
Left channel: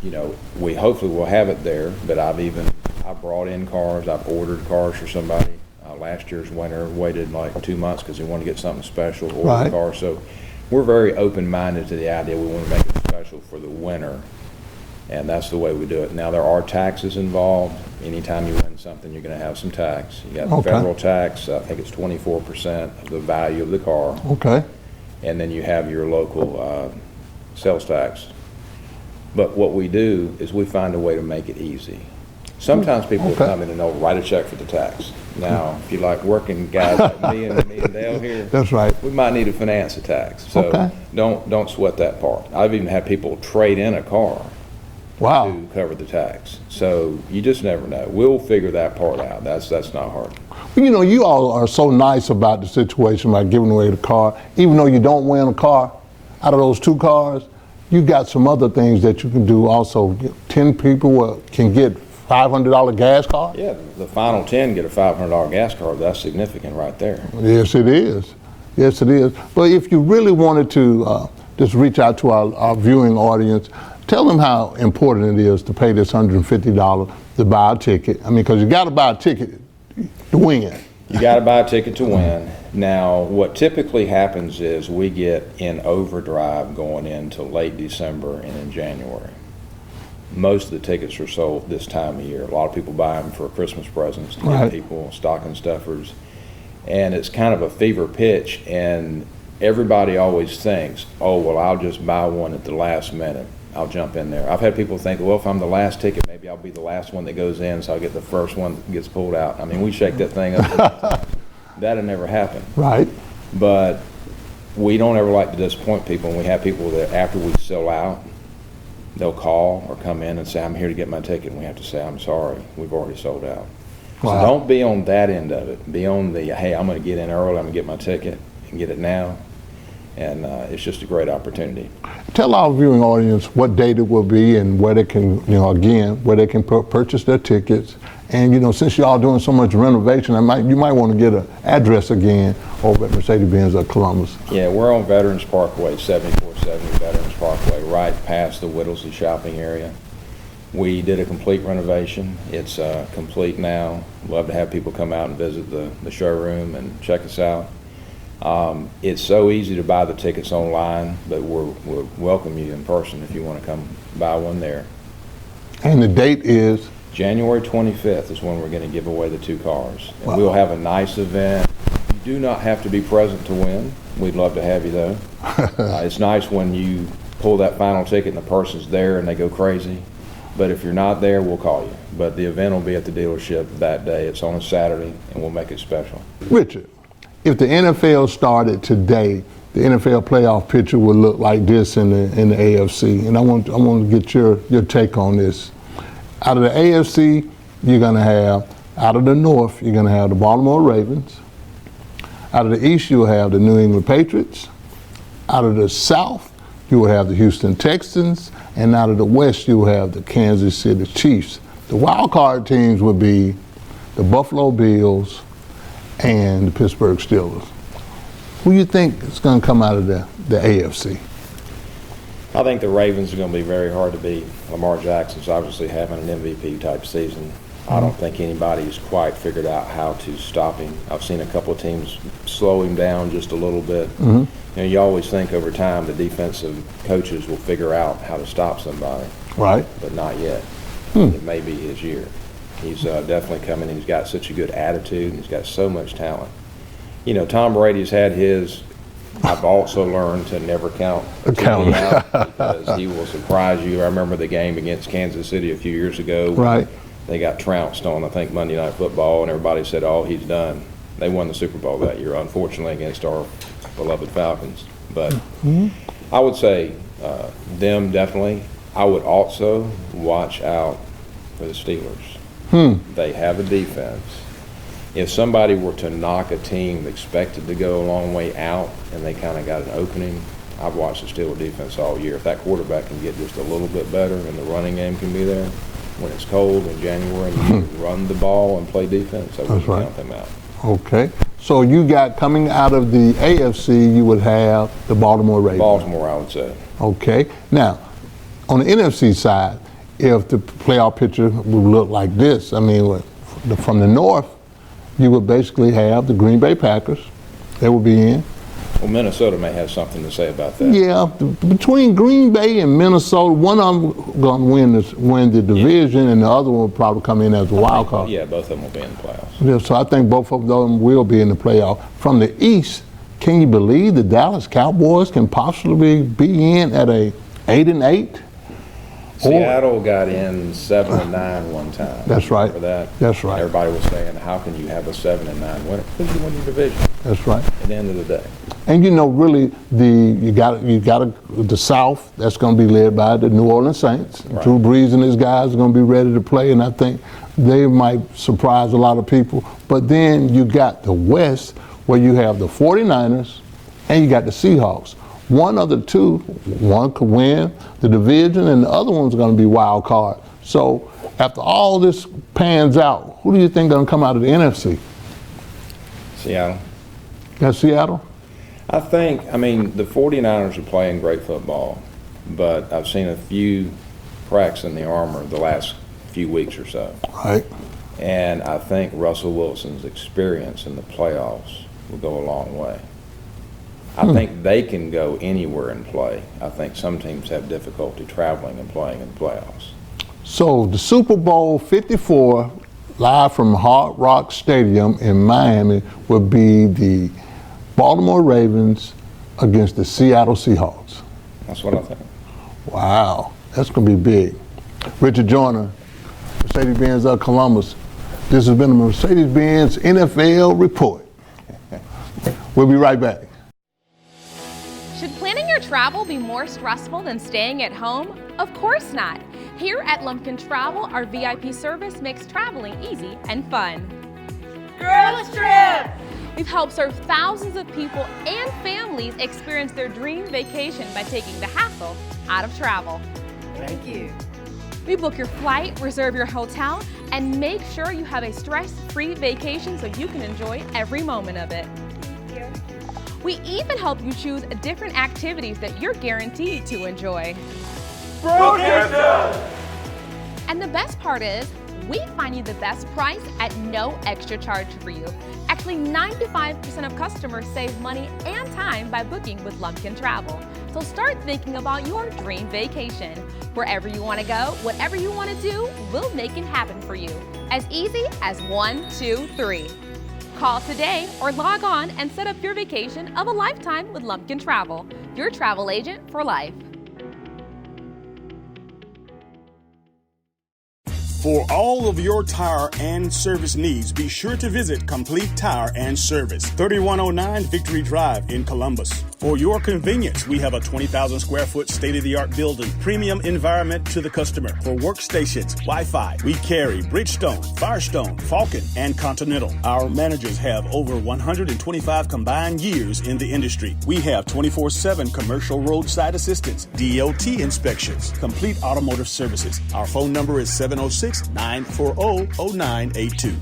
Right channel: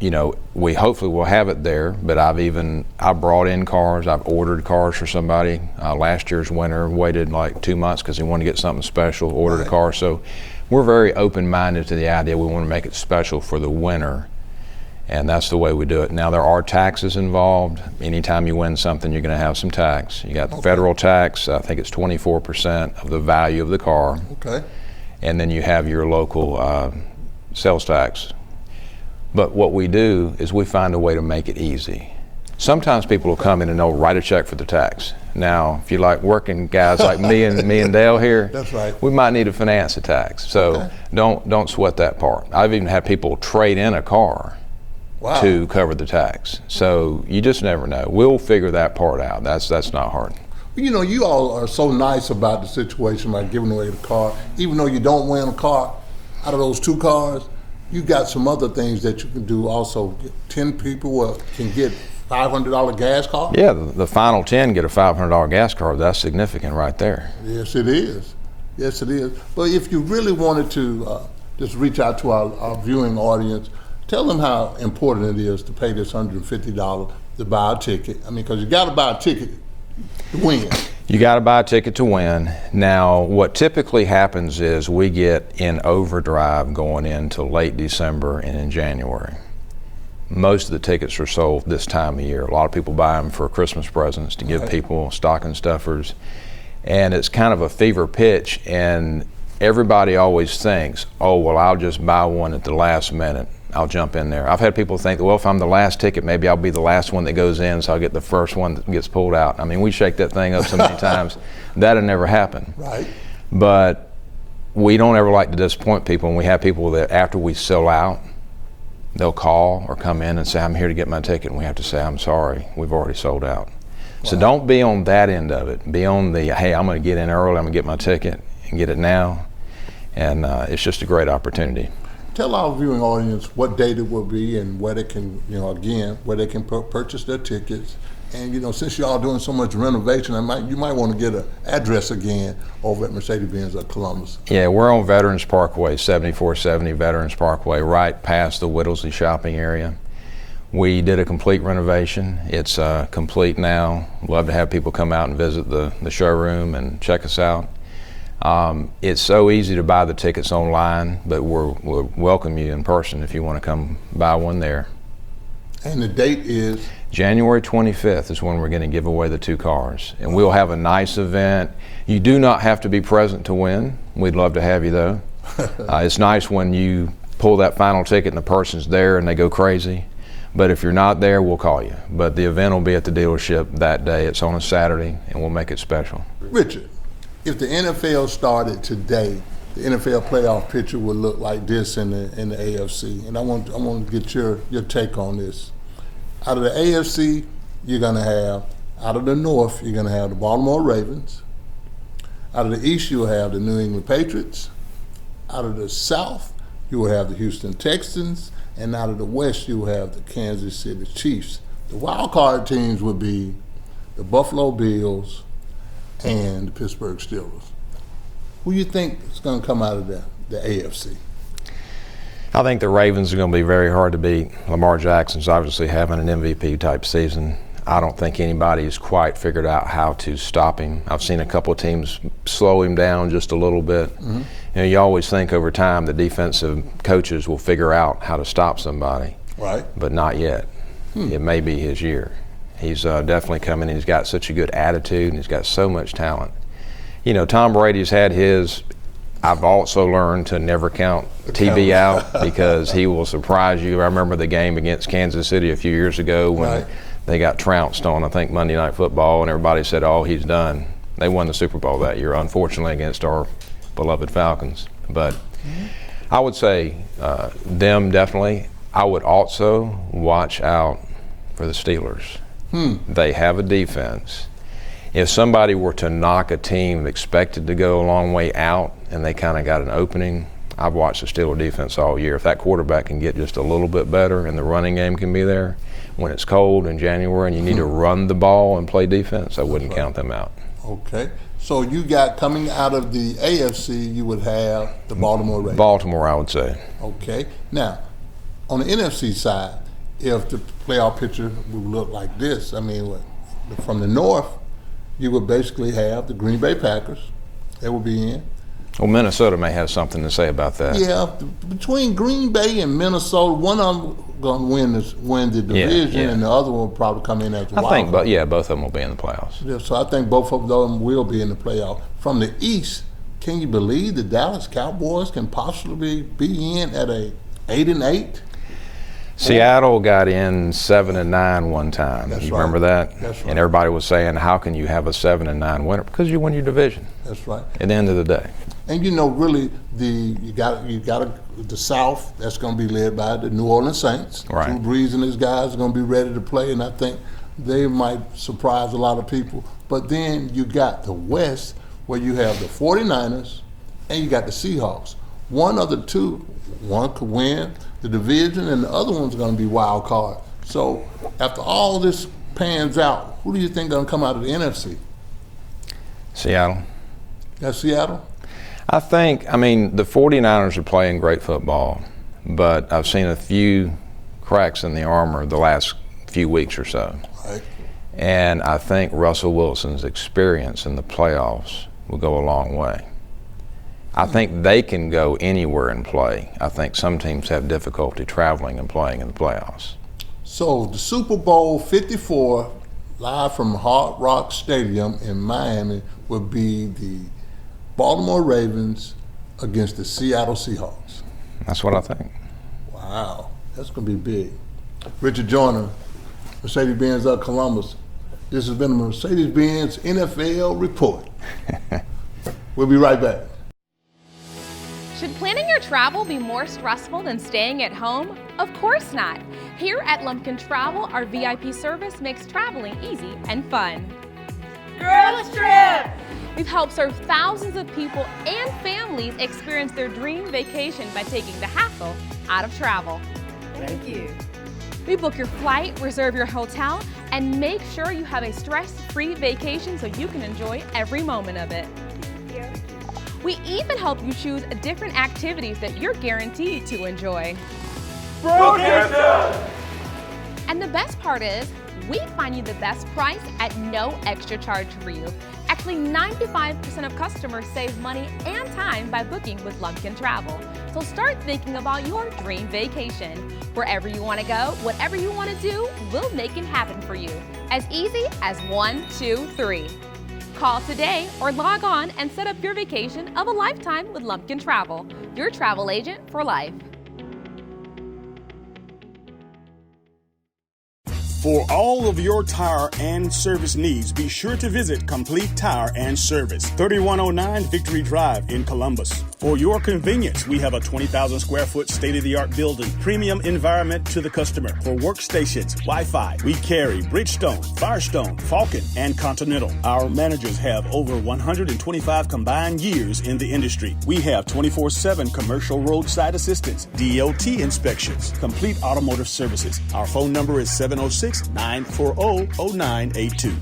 you know, we hopefully will have it there, but I've brought in cars, I've ordered cars for somebody. Last year's winner waited like 2 months because he wanted to get something special, ordered a car. So we're very open-minded to the idea we want to make it special for the winner. And that's the way we do it. Now, there are taxes involved. Anytime you win something, you're going to have some tax. You got the federal tax, I think it's 24% of the value of the car. Okay. And then you have your local sales tax. But what we do is we find a way to make it easy. Sometimes people will come in and they'll write a check for the tax. Now, if you like working guys like me and Dale here, that's right. We might need to finance a tax. So don't sweat that part. I've even had people trade in a car to cover the tax. So you just never know. We'll figure that part out. That's not hard. You know, you all are so nice about the situation by giving away the car. Even though you don't win a car, out of those 2 cars, you got some other things that you can do also. 10 people can get $500 gas car? Yeah, the final 10 get a $500 gas card. That's significant right there. Yes, it is. Yes, it is. But if you really wanted to just reach out to our viewing audience, tell them how important it is to pay this $150 to buy a ticket. I mean, because you got to buy a ticket to win. You got to buy a ticket to win. Now, what typically happens is we get in overdrive going into late December and in January. Most of the tickets are sold this time of year. A lot of people buy them for Christmas presents to give people stocking stuffers. And it's kind of a fever pitch, and everybody always thinks, oh, well, I'll just buy one at the last minute. I'll jump in there. I've had people think, well, if I'm the last ticket, maybe I'll be the last one that goes in, so I'll get the first one that gets pulled out. I mean, we shake that thing up so many times. That'll never happen. Right. But we don't ever like to disappoint people, and we have people that after we sell out, they'll call or come in and say, I'm here to get my ticket, and we have to say, I'm sorry, we've already sold out. Wow. So don't be on that end of it. Be on the, hey, I'm going to get in early, I'm going to get my ticket and get it now. And it's just a great opportunity. Tell our viewing audience what date it will be and where they can, again, where they can purchase their tickets. And, since y'all doing so much renovation, you might want to get an address again over at Mercedes-Benz of Columbus. Yeah, we're on Veterans Parkway, 7470 Veterans Parkway, right past the Whittlesey shopping area. We did a complete renovation. It's complete now. Love to have people come out and visit the showroom and check us out. It's so easy to buy the tickets online, but we'll welcome you in person if you want to come buy one there. And the date is? January 25th is when we're going to give away the 2 cars. And we'll have a nice event. You do not have to be present to win. We'd love to have you, though. It's nice when you pull that final ticket and the person's there and they go crazy. But if you're not there, we'll call you. But the event will be at the dealership that day. It's on a Saturday, and we'll make it special. Richard, if the NFL started today, the NFL playoff picture would look like this in the AFC. And I want to get your take on this. Out of the AFC, you're going to have, out of the North, you're going to have the Baltimore Ravens. Out of the East, you'll have the New England Patriots. Out of the South, you will have the Houston Texans. And out of the West, you will have the Kansas City Chiefs. The wild card teams would be the Buffalo Bills and the Pittsburgh Steelers. Who do you think is going to come out of the AFC? I think the Ravens are going to be very hard to beat. Lamar Jackson's obviously having an MVP type season. I don't think anybody's quite figured out how to stop him. I've seen a couple of teams slow him down just a little bit. You always think over time the defensive coaches will figure out how to stop somebody. Right. But not yet. It may be his year. He's definitely coming in. He's got such a good attitude, and he's got so much talent. Tom Brady's had his. I've also learned to never count TV out because he will surprise you. I remember the game against Kansas City a few years ago when they got trounced on, I think, Monday Night Football, and everybody said, oh, he's done. They won the Super Bowl that year, unfortunately, against our beloved Falcons. But I would say them definitely. I would also watch out for the Steelers. They have a defense. If somebody were to knock a team expected to go a long way out and they kind of got an opening, I've watched the Steelers defense all year. If that quarterback can get just a little bit better and the running game can be there, when it's cold in January and you need to run the ball and play defense, I wouldn't count them out. Okay. So you got, coming out of the AFC, you would have the Baltimore Ravens. Baltimore, I would say. Okay. Now, on the NFC side, if the playoff picture would look like this, I mean, from the North, you would basically have the Green Bay Packers. They would be in. Well, Minnesota may have something to say about that. Yeah, between Green Bay and Minnesota, one of them going to win the division, and the other one will probably come in as a wild card. Both of them will be in the playoffs. Yeah, so I think both of them will be in the playoff. From the East, can you believe the Dallas Cowboys can possibly be in at a 8-8? Seattle got in 7-9 one time. That's right. Remember that? That's right. And everybody was saying, how can you have a 7-9 winner? Because you win your division. That's right. At the end of the day. And you know, really, you got the South. That's going to be led by the New Orleans Saints. Right. Drew Brees and his guys are going to be ready to play, and I think they might surprise a lot of people. But then you got the West, where you have the 49ers and you got the Seahawks. One of the two, one could win the division, and the other one's going to be wild card. So after all this pans out, who do you think is going to come out of the NFC? Seattle. That's Seattle? I think, the 49ers are playing great football, but I've seen a few cracks in the armor the last few weeks or so. Right. And I think Russell Wilson's experience in the playoffs will go a long way. I think they can go anywhere and play. I think some teams have difficulty traveling and playing in the playoffs. So the Super Bowl 54, live from Hard Rock Stadium in Miami, will be the Baltimore Ravens against the Seattle Seahawks. That's what I think. Wow, that's going to be big. Richard Joyner, Mercedes-Benz of Columbus. This has been a Mercedes-Benz NFL Report. We'll be right back. Should planning your travel be more stressful than staying at home? Of course not. Here at Lumpkin Travel, our VIP service makes traveling easy and fun. Girls Trip! We've helped serve thousands of people and families experience their dream vacation by taking the hassle out of travel. Thank you. We book your flight, reserve your hotel, and make sure you have a stress-free vacation so you can enjoy every moment of it. Thank you. We even help you choose different activities that you're guaranteed to enjoy. Brookhaven! And the best part is, we find you the best price at no extra charge for you. Actually, 95% of customers save money and time by booking with Lumpkin Travel. So start thinking about your dream vacation. Wherever you want to go, whatever you want to do, we'll make it happen for you. As easy as 1, 2, 3. Call today or log on and set up your vacation of a lifetime with Lumpkin Travel, your travel agent for life. For all of your tire and service needs, be sure to visit Complete Tire and Service, 3109 Victory Drive in Columbus. For your convenience, we have a 20,000 square foot state-of-the-art building, premium environment to the customer. For workstations, Wi-Fi, we carry Bridgestone, Firestone, Falcon, and Continental. Our managers have over 125 combined years in the industry. We have 24/7 commercial roadside assistance, DOT inspections, complete automotive services. Our phone number is 706-940-0982.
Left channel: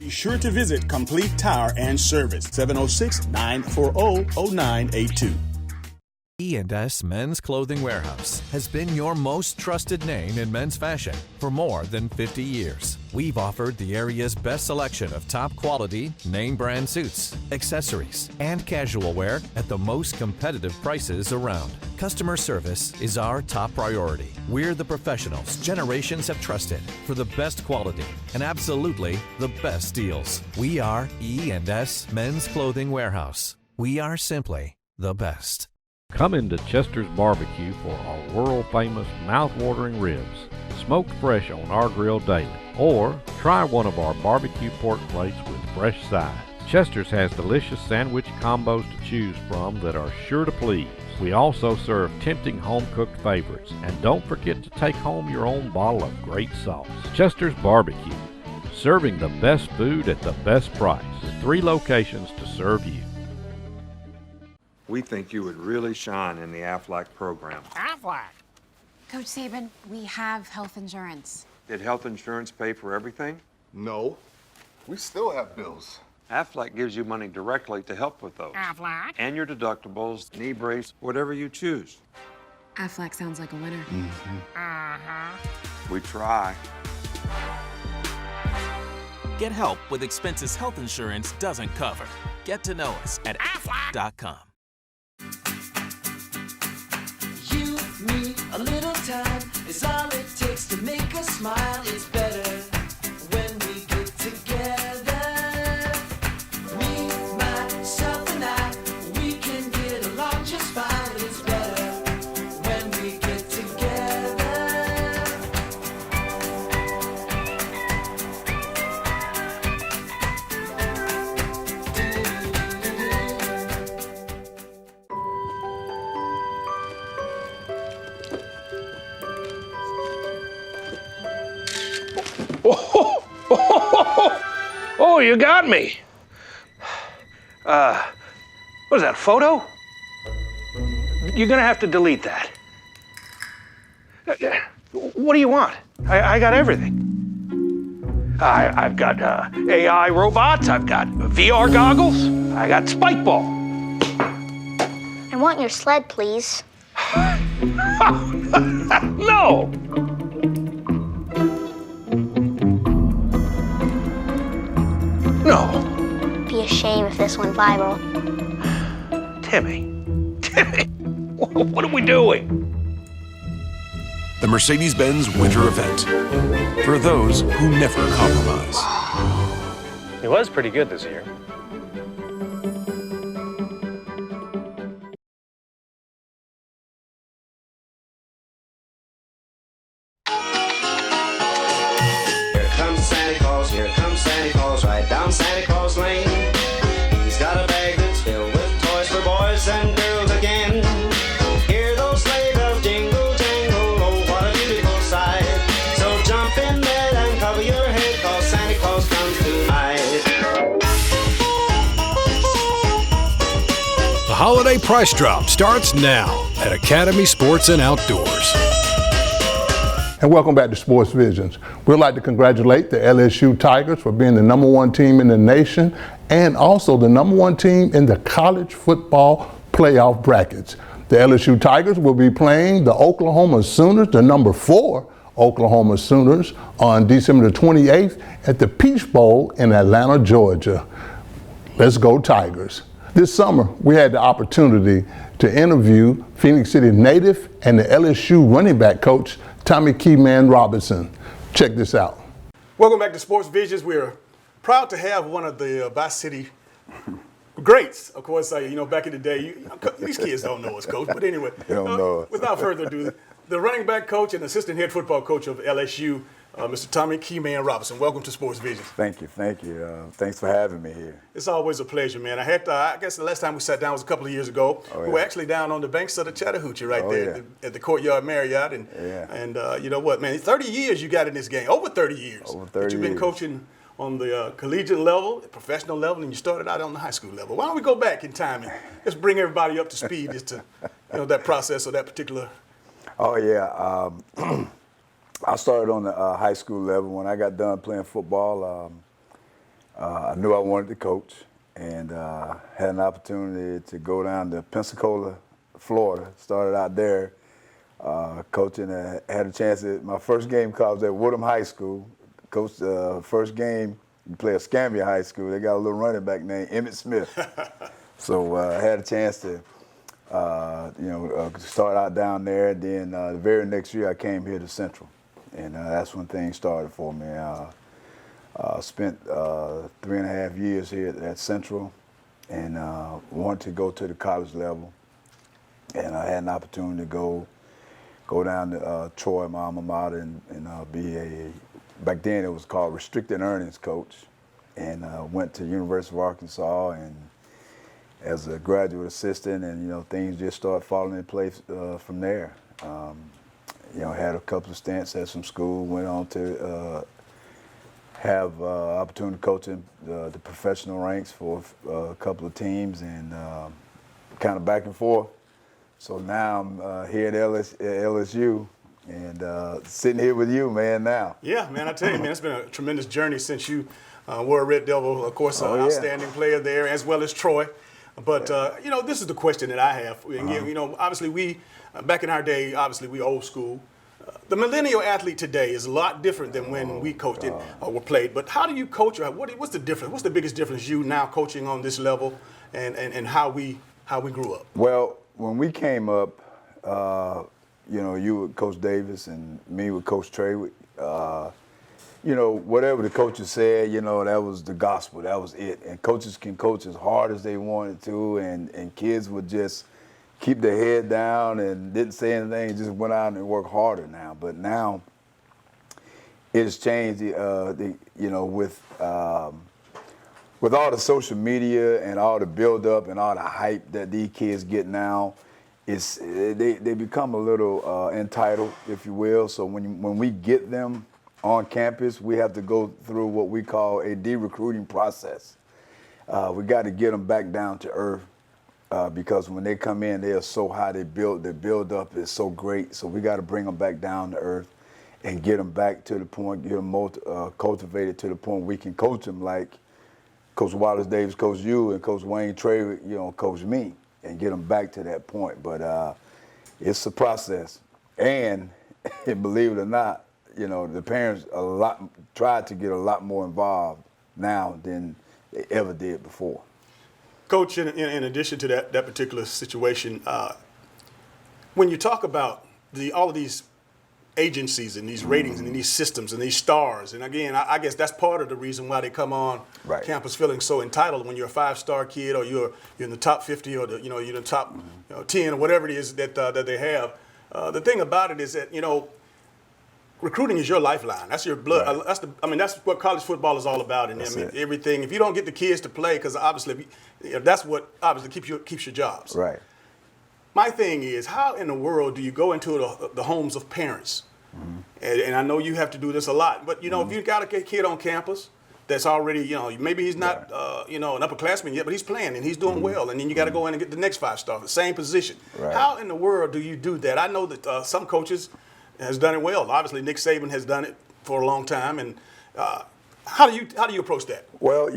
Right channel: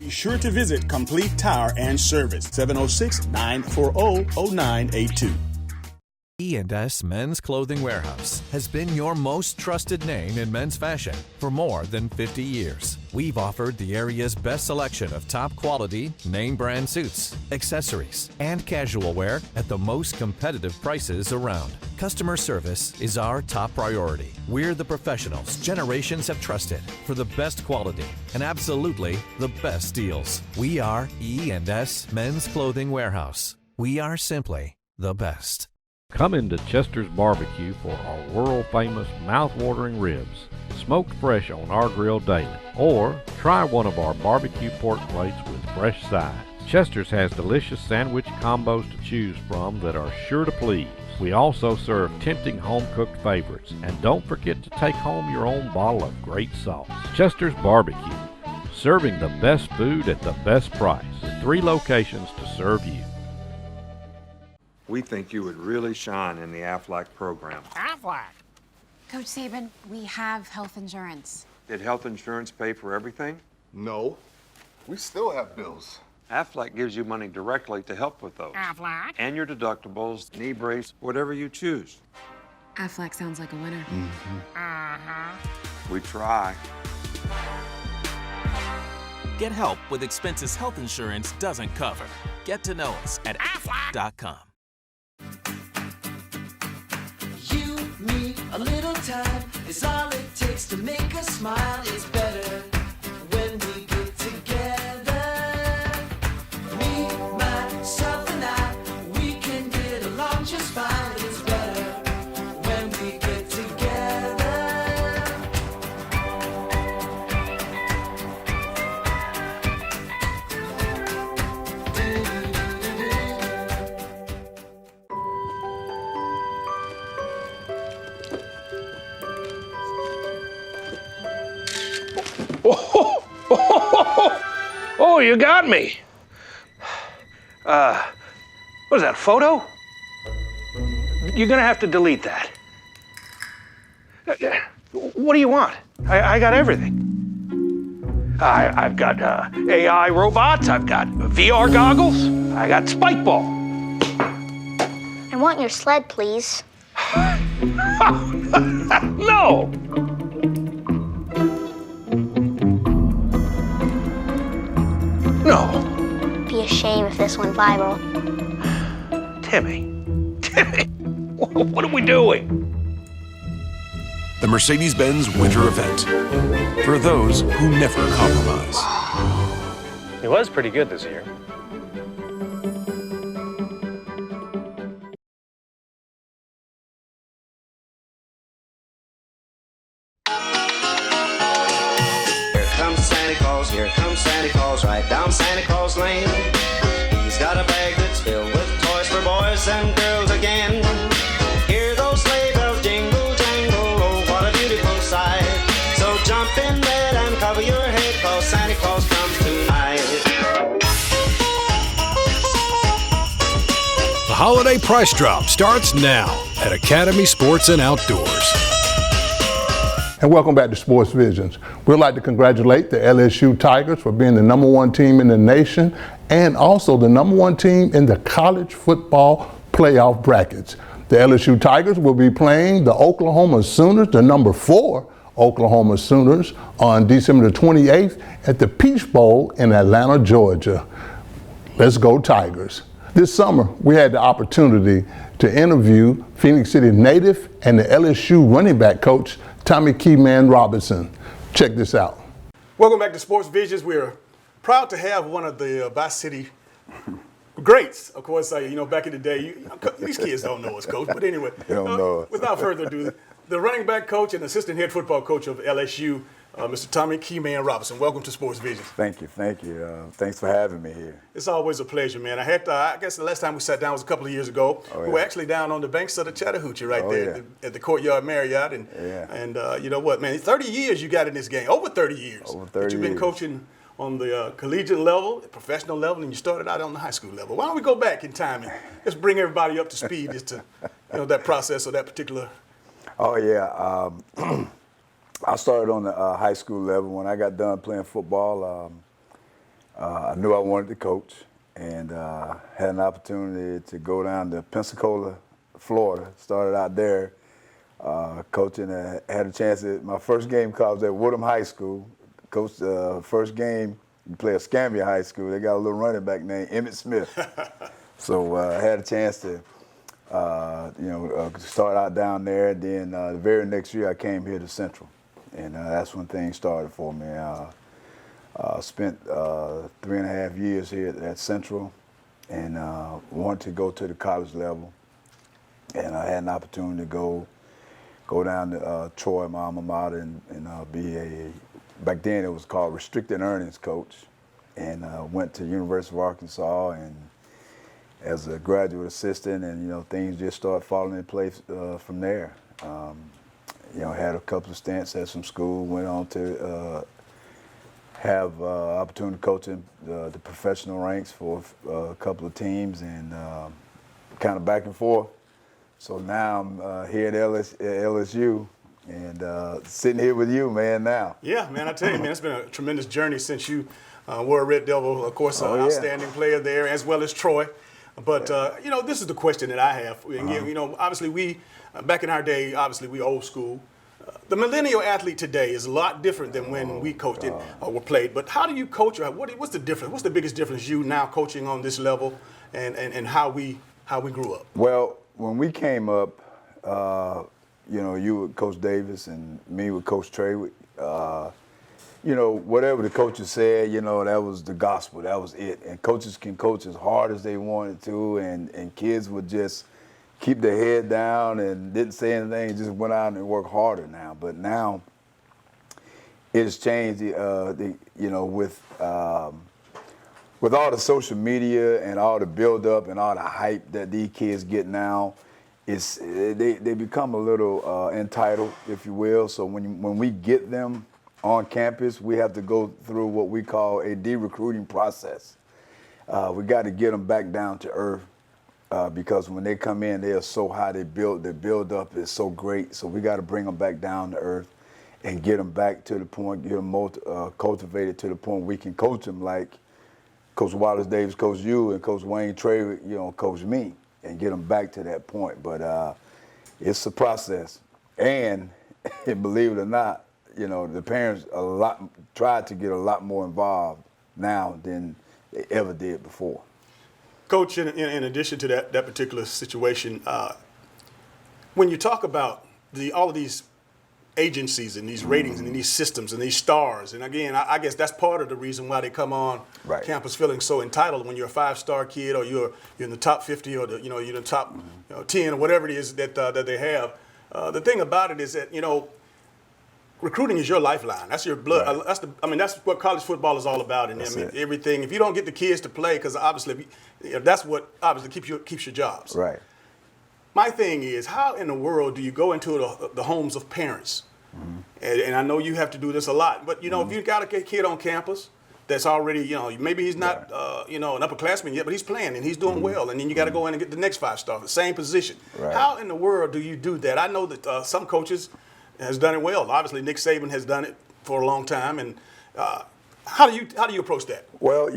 Be sure to visit Complete Tire and Service, 706-940-0982. E&S Men's Clothing Warehouse has been your most trusted name in men's fashion for more than 50 years. We've offered the area's best selection of top quality, name brand suits, accessories, and casual wear at the most competitive prices around. Customer service is our top priority. We're the professionals generations have trusted for the best quality and absolutely the best deals. We are E&S Men's Clothing Warehouse. We are simply the best. Come into Chester's Barbecue for our world-famous mouth-watering ribs, smoked fresh on our grill daily. Or try one of our barbecue pork plates with fresh sides. Chester's has delicious sandwich combos to choose from that are sure to please. We also serve tempting home-cooked favorites. And don't forget to take home your own bottle of great sauce. Chester's Barbecue, serving the best food at the best price, with 3 locations to serve you. We think you would really shine in the Aflac program. Aflac. Coach Saban, we have health insurance. Did health insurance pay for everything? No. We still have bills. Aflac gives you money directly to help with those. Aflac. And your deductibles, knee brace, whatever you choose. Aflac sounds like a winner. We try. Get help with expenses health insurance doesn't cover. Get to know us at aflac.com. is all it takes to make us smile. It's better when we get together. Me, myself, and I, we can get along just fine. It's better when we get together. Oh, you got me. What is that, a photo? You're gonna have to delete that. What do you want? I got everything. I've got AI robots, I've got VR goggles, I got spike ball. I want your sled, please. No! No. Be a shame if this went viral. Timmy, what are we doing? The Mercedes-Benz Winter Event. For those who never compromise. He was pretty good this year. Here comes Santa Claus, right down Santa Claus Lane. He's got a bag that's filled with toys for boys and girls again. Hear those sleigh bells jingle, jangle, oh, what a beautiful sight. So jump in bed and cover your head, 'cause Santa Claus comes tonight. The holiday price drop starts now at Academy Sports and Outdoors. And welcome back to Sports Visions. We'd like to congratulate the LSU Tigers for being the #1 team in the nation and also the #1 team in the college football playoff brackets. The LSU Tigers will be playing the Oklahoma Sooners, the #4 Oklahoma Sooners, on December the 28th at the Peach Bowl in Atlanta, Georgia. Let's go Tigers. This summer, we had the opportunity to interview Phoenix City native and the LSU running back coach, Tommy Keyman Robinson. Check this out. Welcome back to Sports Visions. We're proud to have one of the Bi-City greats. Of course, back in the day, these kids don't know us, Coach. But anyway, without further ado, the running back coach and assistant head football coach of LSU, Mr. Tommy Keyman Robinson. Welcome to Sports Visions. Thank you. Thanks for having me here. It's always a pleasure, man. I guess the last time we sat down was a couple of years ago. We were actually down on the banks of the Chattahoochee at the Courtyard Marriott. And you know what, man, 30 years you got in this game, over 30 years. Over 30 years. You've been coaching on the collegiate level, the professional level, and you started out on the high school level. Why don't we go back in time and just bring everybody up to speed as to that process or that particular. Oh, yeah. I started on the high school level. When I got done playing football, I knew I wanted to coach and had an opportunity to go down to Pensacola, Florida. Started out there coaching. Had a chance at my first game called at Woodham High School. Coached first game, you play at Escambia High School. They got a little running back named Emmett Smith. So I had a chance to start out down there. Then the very next year I came here to Central. And that's when things started for me. Spent 3.5 years here at Central and wanted to go to the college level. And I had an opportunity to go down to Troy, my alma mater, and be back then it was called restricted earnings coach. And went to University of Arkansas and as a graduate assistant, and things just started falling in place from there. Had a couple of stints at some school, went on to have opportunity coaching the professional ranks for a couple of teams and kind of back and forth. So now I'm here at LSU and sitting here with you, man, now. Yeah, man, I tell you, man, it's been a tremendous journey since you were a Red Devil, of course, an outstanding player there, as well as Troy. But, this is the question that I have. And, obviously back in our day, obviously we old school. The millennial athlete today is a lot different than when we coached or were played. But how do you coach? What's the difference? What's the biggest difference you now coaching on this level and how we grew up? Well, when we came up, you with Coach Davis and me with Coach Trey. Whatever the coaches said, that was the gospel. That was it. And coaches can coach as hard as they wanted to, and kids would just keep their head down and didn't say anything, just went out and worked harder now. But now it's changed, with all the social media and all the build-up and all the hype that these kids get now, they become a little entitled, if you will. So when we get them on campus, we have to go through what we call a de-recruiting process. We got to get them back down to earth because when they come in, they are so high. Their build-up is so great. So we got to bring them back down to earth and get them back to the point, get them cultivated to the point we can coach them like Coach Wallace Davis coached you and Coach Wayne Trey, coached me, and get them back to that point. But it's a process. And believe it or not, the parents try to get a lot more involved now than they ever did before. Coach, in addition to that particular situation, when you talk about all of these agencies and these ratings and these systems and these stars, and again, I guess that's part of the reason why they come on campus feeling so entitled when you're a 5-star kid or you're in the top 50 or you're in the top 10 or whatever it is that they have. The thing about it is that recruiting is your lifeline. That's your blood. Right. That's what college football is all about. And everything. If you don't get the kids to play, because obviously that's what obviously keeps your jobs. Right. My thing is, how in the world do you go into the homes of parents? Mm-hmm. And I know you have to do this a lot, but if you got a kid on campus that's already, maybe he's not, an upperclassman yet, but he's playing and he's doing well, and then you got to go in and get the next 5-star, the same position. Right. How in the world do you do that? I know that some coaches has done it well. Obviously, Nick Saban has done it for a long time, and how do you approach that? Well,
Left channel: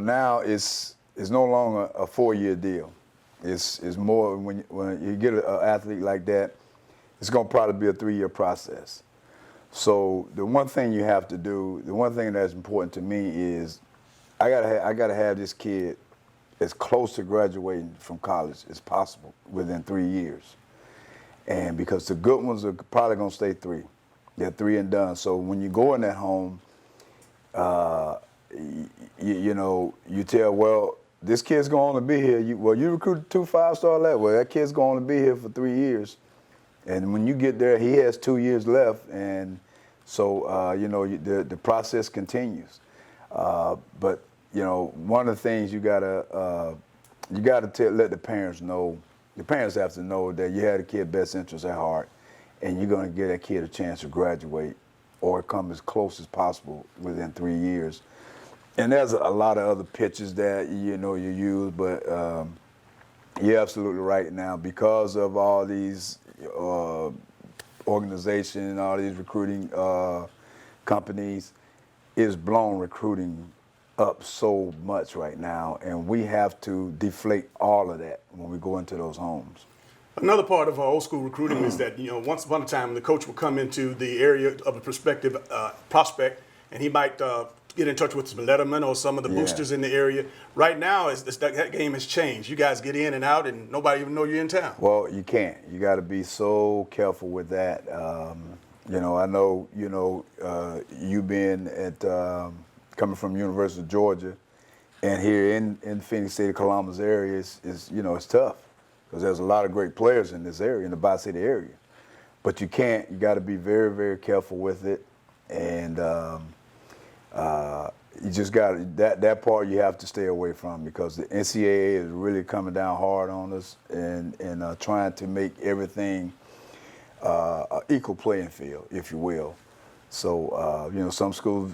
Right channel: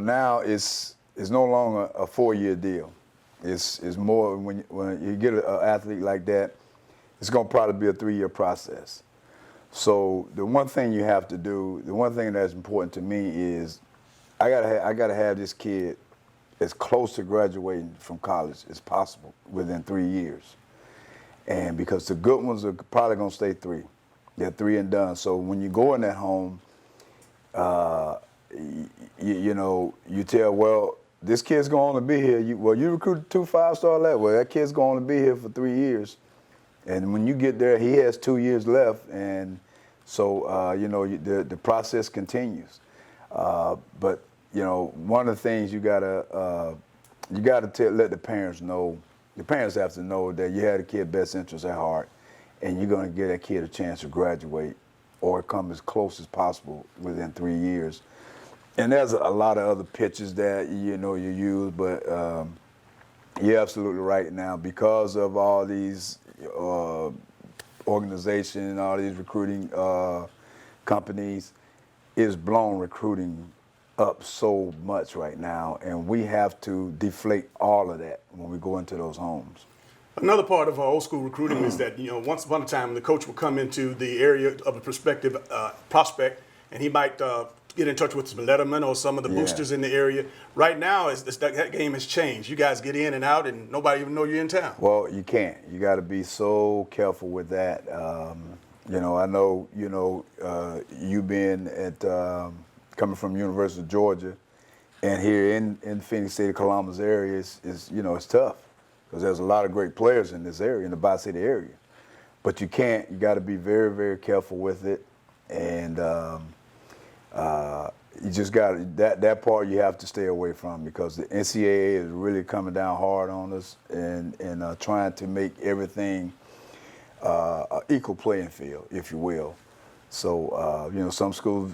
now it's no longer a 4-year deal. It's more when you get an athlete like that, it's going to probably be a 3-year process. So the one thing you have to do, the one thing that's important to me is I gotta have this kid as close to graduating from college as possible within 3 years. And because the good ones are probably going to stay 3. They're 3 and done. So when you go in that home, you tell, well, this kid's going to be here. You recruited 2 5-star left. Well, that kid's going to be here for 3 years. And when you get there, he has 2 years left. And so, the process continues. But, one of the things you got to let the parents know. The parents have to know that you had a kid's best interest at heart, and you're going to give that kid a chance to graduate or come as close as possible within 3 years. And there's a lot of other pitches that you use, but you're absolutely right now because of all these organizations and all these recruiting companies, it's blown recruiting up so much right now, and we have to deflate all of that when we go into those homes. Another part of our old school recruiting is that once upon a time the coach would come into the area of a prospective prospect, and he might get in touch with some lettermen or some of the boosters in the area. Right now, that game has changed. You guys get in and out, and nobody even know you're in town. Well, you can't. You got to be so careful with that. I know you being at coming from University of Georgia, and here in Phoenix City, Columbus area is it's tough because there's a lot of great players in this area, in the Bi-City area. But you can't. You got to be very, very careful with it, and you just got that part you have to stay away from because the NCAA is really coming down hard on us and trying to make everything an equal playing field, if you will. So, some schools,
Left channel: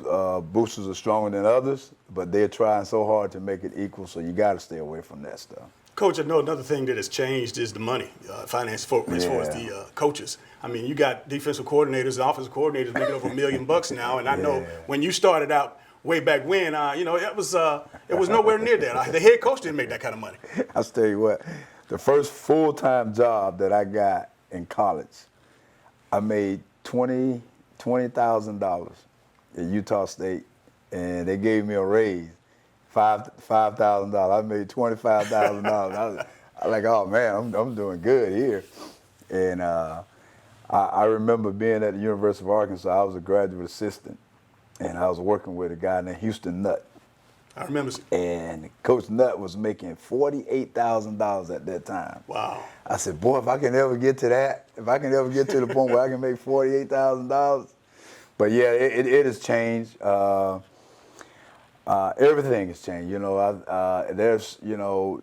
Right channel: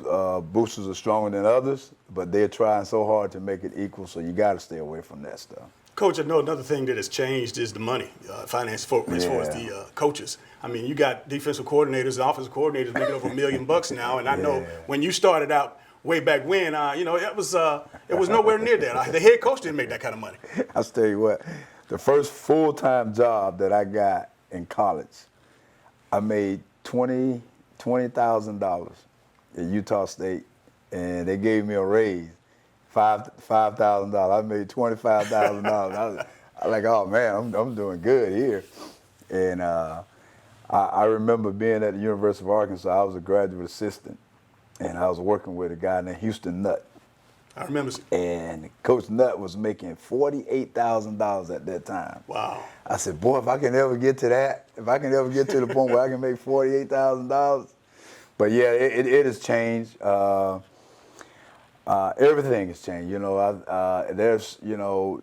boosters are stronger than others, but they're trying so hard to make it equal, so you got to stay away from that stuff. Coach, I know another thing that has changed is the money, finance as far as the coaches. I mean, you got defensive coordinators and offensive coordinators making over $1 million now, and I know when you started out way back when, it was nowhere near that. The head coach didn't make that kind of money. I'll tell you what, the first full-time job that I got in college, I made $20,000 at Utah State, and they gave me a raise, $5,000. I made $25,000. I'm like, oh man, I'm doing good here. And I remember being at the University of Arkansas. I was a graduate assistant, and I was working with a guy named Houston Nutt. I remember. And Coach Nutt was making $48,000 at that time. Wow. I said, boy, if I can ever get to that, if I can ever get to the point where I can make $48,000. But yeah, it has changed. Everything has changed. You know, there's, you know,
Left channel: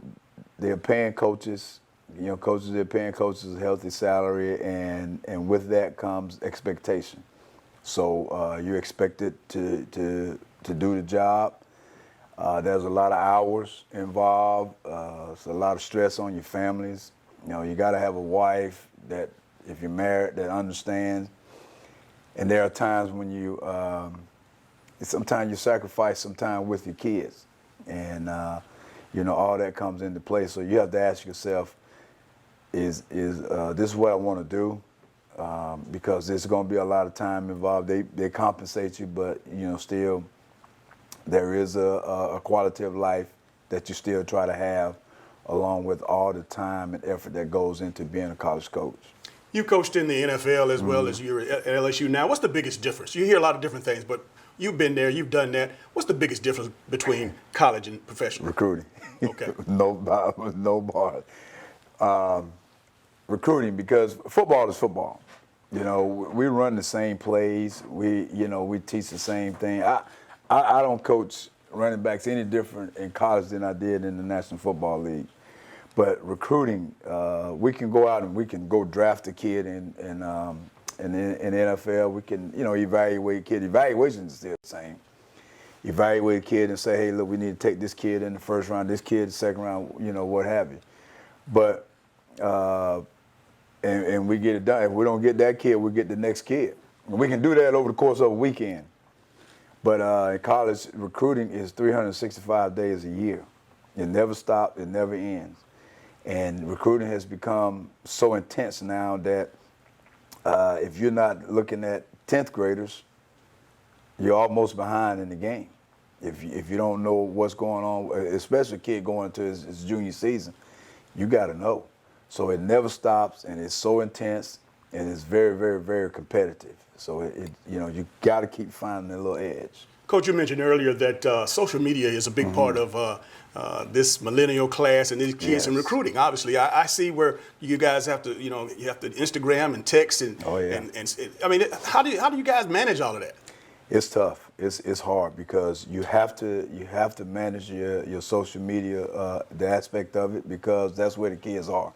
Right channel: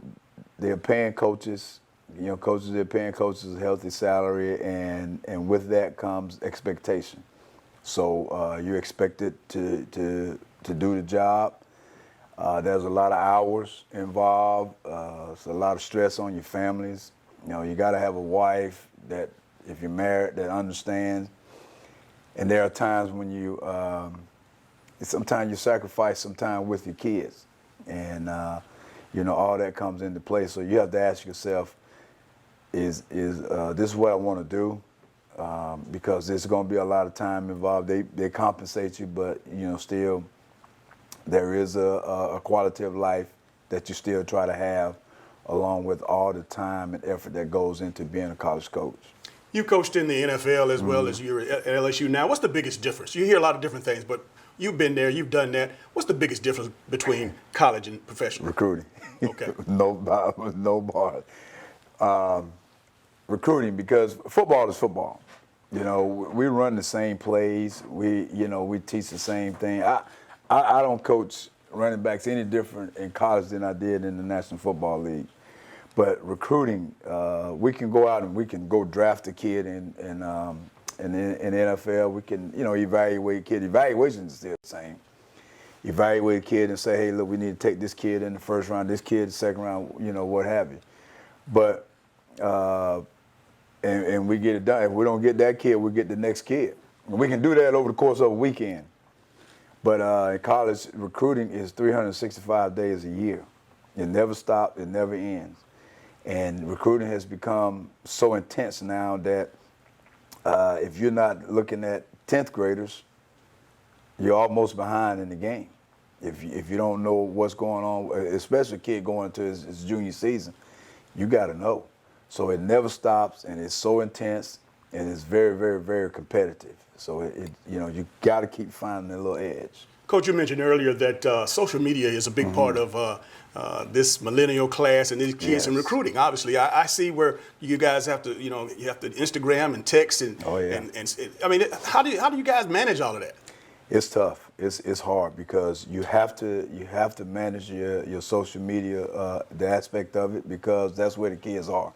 they're paying coaches. You know, they're paying coaches a healthy salary, and with that comes expectation. So you're expected to do the job. There's a lot of hours involved. It's a lot of stress on your families. You know, you got to have a wife that, if you're married, that understands. And there are times when you, sometimes you sacrifice some time with your kids, and you know, all that comes into play. So you have to ask yourself, is this what I want to do? Because there's going to be a lot of time involved. They compensate you, but you know, still there is a quality of life that you still try to have, along with all the time and effort that goes into being a college coach. You coached in the NFL as well as you're at LSU now. What's the biggest difference? You hear a lot of different things, but you've been there, you've done that. What's the biggest difference between college and professional? Recruiting. Okay. No bar. Recruiting, because football is football. You know, we run the same plays. We teach the same thing. I don't coach running backs any different in college than I did in the National Football League. But recruiting, we can go out and we can go draft a kid in the NFL. We can, you know, evaluate a kid. Evaluation is still the same. Evaluate a kid and say, hey, look, we need to take this kid in the first round, this kid in the second round, you know, what have you. But and we get it done. If we don't get that kid, we get the next kid. And we can do that over the course of a weekend. But in college, recruiting is 365 days a year. It never stops. It never ends. And recruiting has become so intense now that if you're not looking at 10th graders, you're almost behind in the game. If you don't know what's going on, especially a kid going into his junior season, you got to know. So it never stops, and it's so intense, and it's very, very, very competitive. So you know, you got to keep finding a little edge. Coach, you mentioned earlier that social media is a big part of this millennial class and these kids in recruiting. Obviously, I see where you guys have to, you know, you have to Instagram and text and, and I mean, how do you guys manage all of that? It's tough. It's hard because you have to manage your social media, the aspect of it, because that's where the kids are.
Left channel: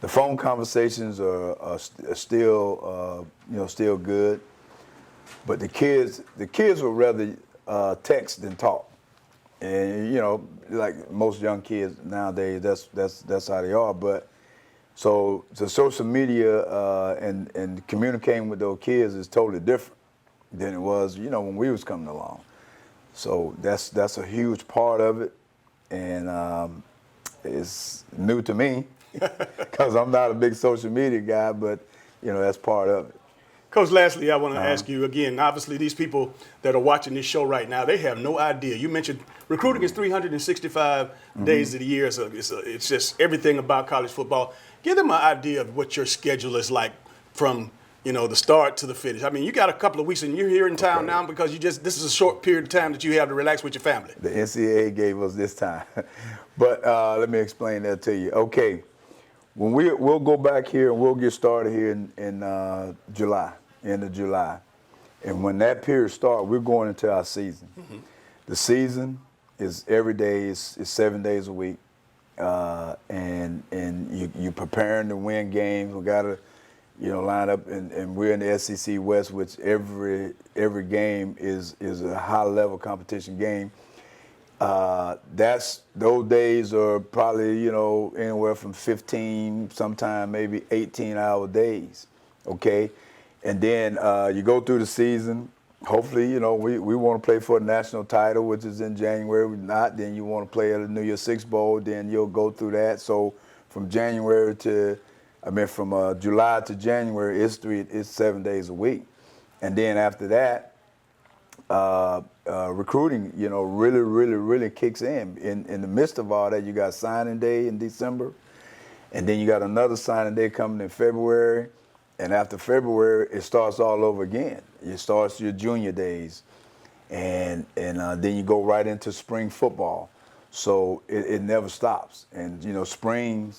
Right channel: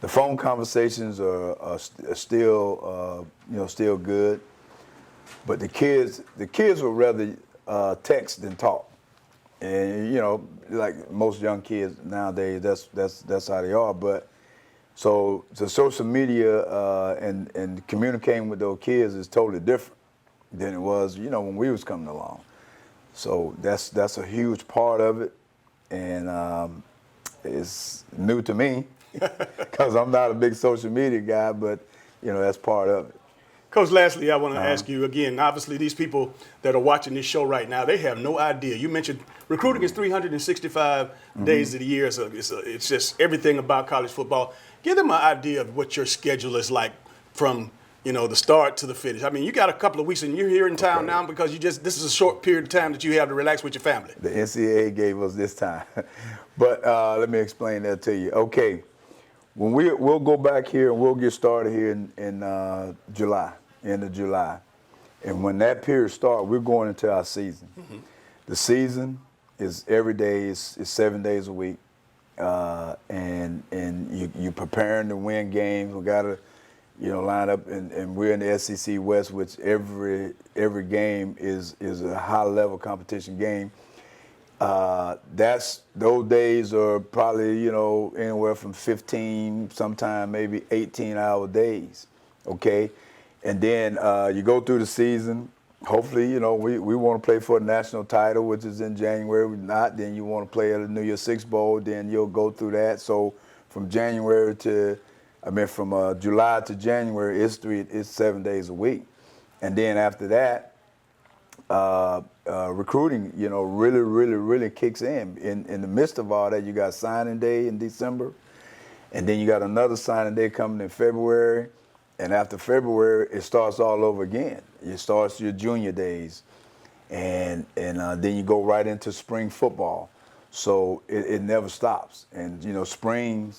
The phone conversations are still still good, but the kids would rather text than talk. And you know, like most young kids nowadays, that's how they are. But so the social media and communicating with those kids is totally different than it was, you know, when we was coming along. So that's a huge part of it, and it's new to me because I'm not a big social media guy, but you know, that's part of it. Coach, lastly, I want to ask you again, obviously these people that are watching this show right now, they have no idea. You mentioned recruiting is 365 days of the year. So it's just everything about college football. Give them an idea of what your schedule is like from, you know, the start to the finish. I mean, you got a couple of weeks and you're here in town now because this is a short period of time that you have to relax with your family. The NCAA gave us this time. But let me explain that to you. Okay, when we'll go back here and we'll get started here in July. End of July. And when that period starts, we're going into our season. The season is every day, is 7 days a week. And you're preparing to win games. We got to, you know, line up, and we're in the SEC West, which every game is a high-level competition game. Those days are probably, you know, anywhere from 15, sometime maybe 18-hour days, okay? And then you go through the season. Hopefully, you know, we want to play for a national title, which is in January. If not, then you want to play at the New Year's Six Bowl. Then you'll go through that. So from July to January, it's 7 days a week. And then after that, recruiting, really kicks in. In the midst of all that, you got signing day in December, and then you got another signing day coming in February, and after February, it starts all over again. It starts your junior days, and then you go right into spring football. So it never stops. And, spring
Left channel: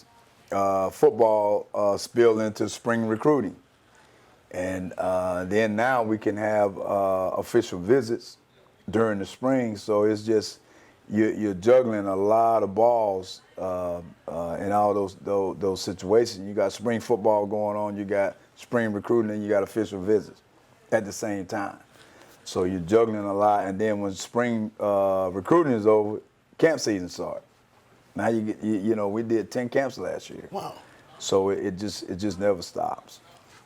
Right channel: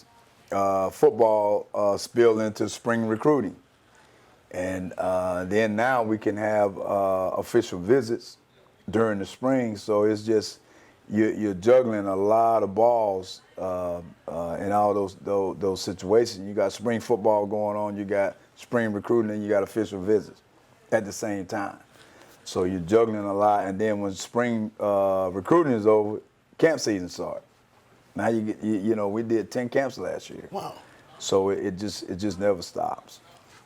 football spilled into spring recruiting. And then now we can have official visits during the spring. So it's just, you're juggling a lot of balls in all those situations. You got spring football going on, you got spring recruiting, and you got official visits at the same time. So you're juggling a lot. And then when spring recruiting is over, camp season starts. Now we did 10 camps last year. Wow. So it just never stops.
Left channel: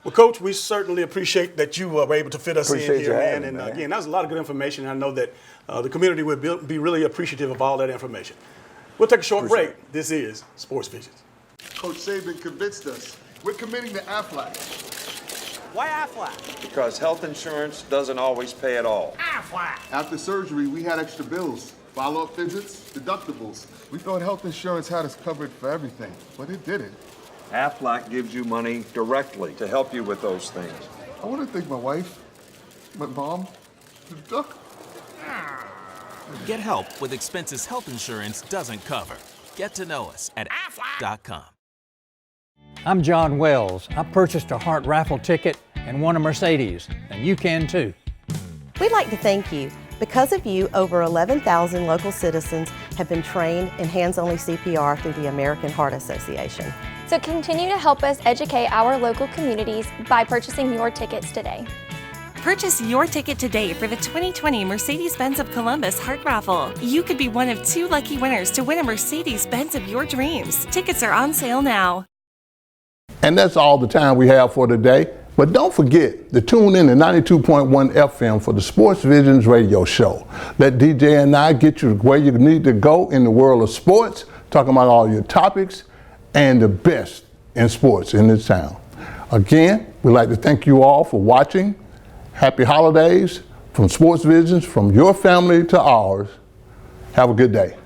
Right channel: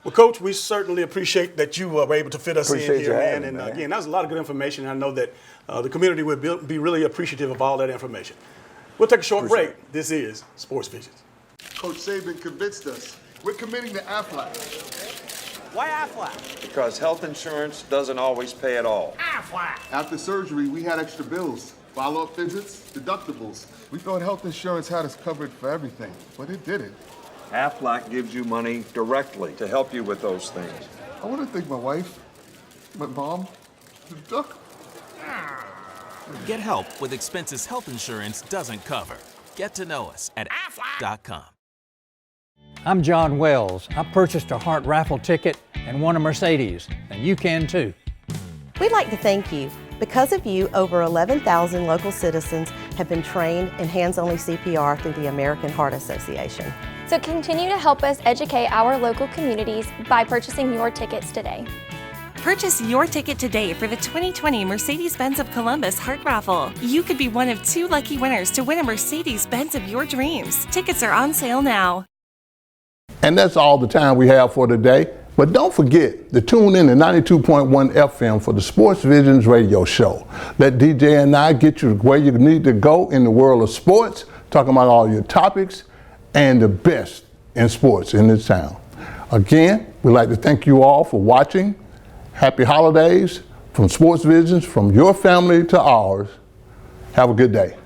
Well, Coach, we certainly appreciate that you were able to fit us in here, man. And man. again, that was a lot of good information. I know that the community would be really appreciative of all that information. We'll take a short break. This is Sports Visions. Coach Saban convinced us. We're committing to Aflac. Why Aflac? Because health insurance doesn't always pay at all. Aflac. After surgery, we had extra bills, follow-up visits, deductibles. We thought health insurance had us covered for everything, but it didn't. Aflac gives you money directly to help you with those things. I want to thank my wife, my mom, the duck. Get help with expenses health insurance doesn't cover. Get to know us at aflac.com. I'm John Wells. I purchased a Heart Raffle ticket and won a Mercedes, and you can too. We'd like to thank you. Because of you, over 11,000 local citizens have been trained in hands-only CPR through the American Heart Association. So continue to help us educate our local communities by purchasing your tickets today. Purchase your ticket today for the 2020 Mercedes-Benz of Columbus Heart Raffle. You could be one of 2 lucky winners to win a Mercedes-Benz of your dreams. Tickets are on sale now. And that's all the time we have for today. But don't forget to tune in to 92.1 FM for the Sports Visions radio show. Let DJ and I get you where you need to go in the world of sports, talking about all your topics and the best in sports in this town. Again, we'd like to thank you all for watching. Happy holidays from Sports Visions, from your family to ours. Have a good day.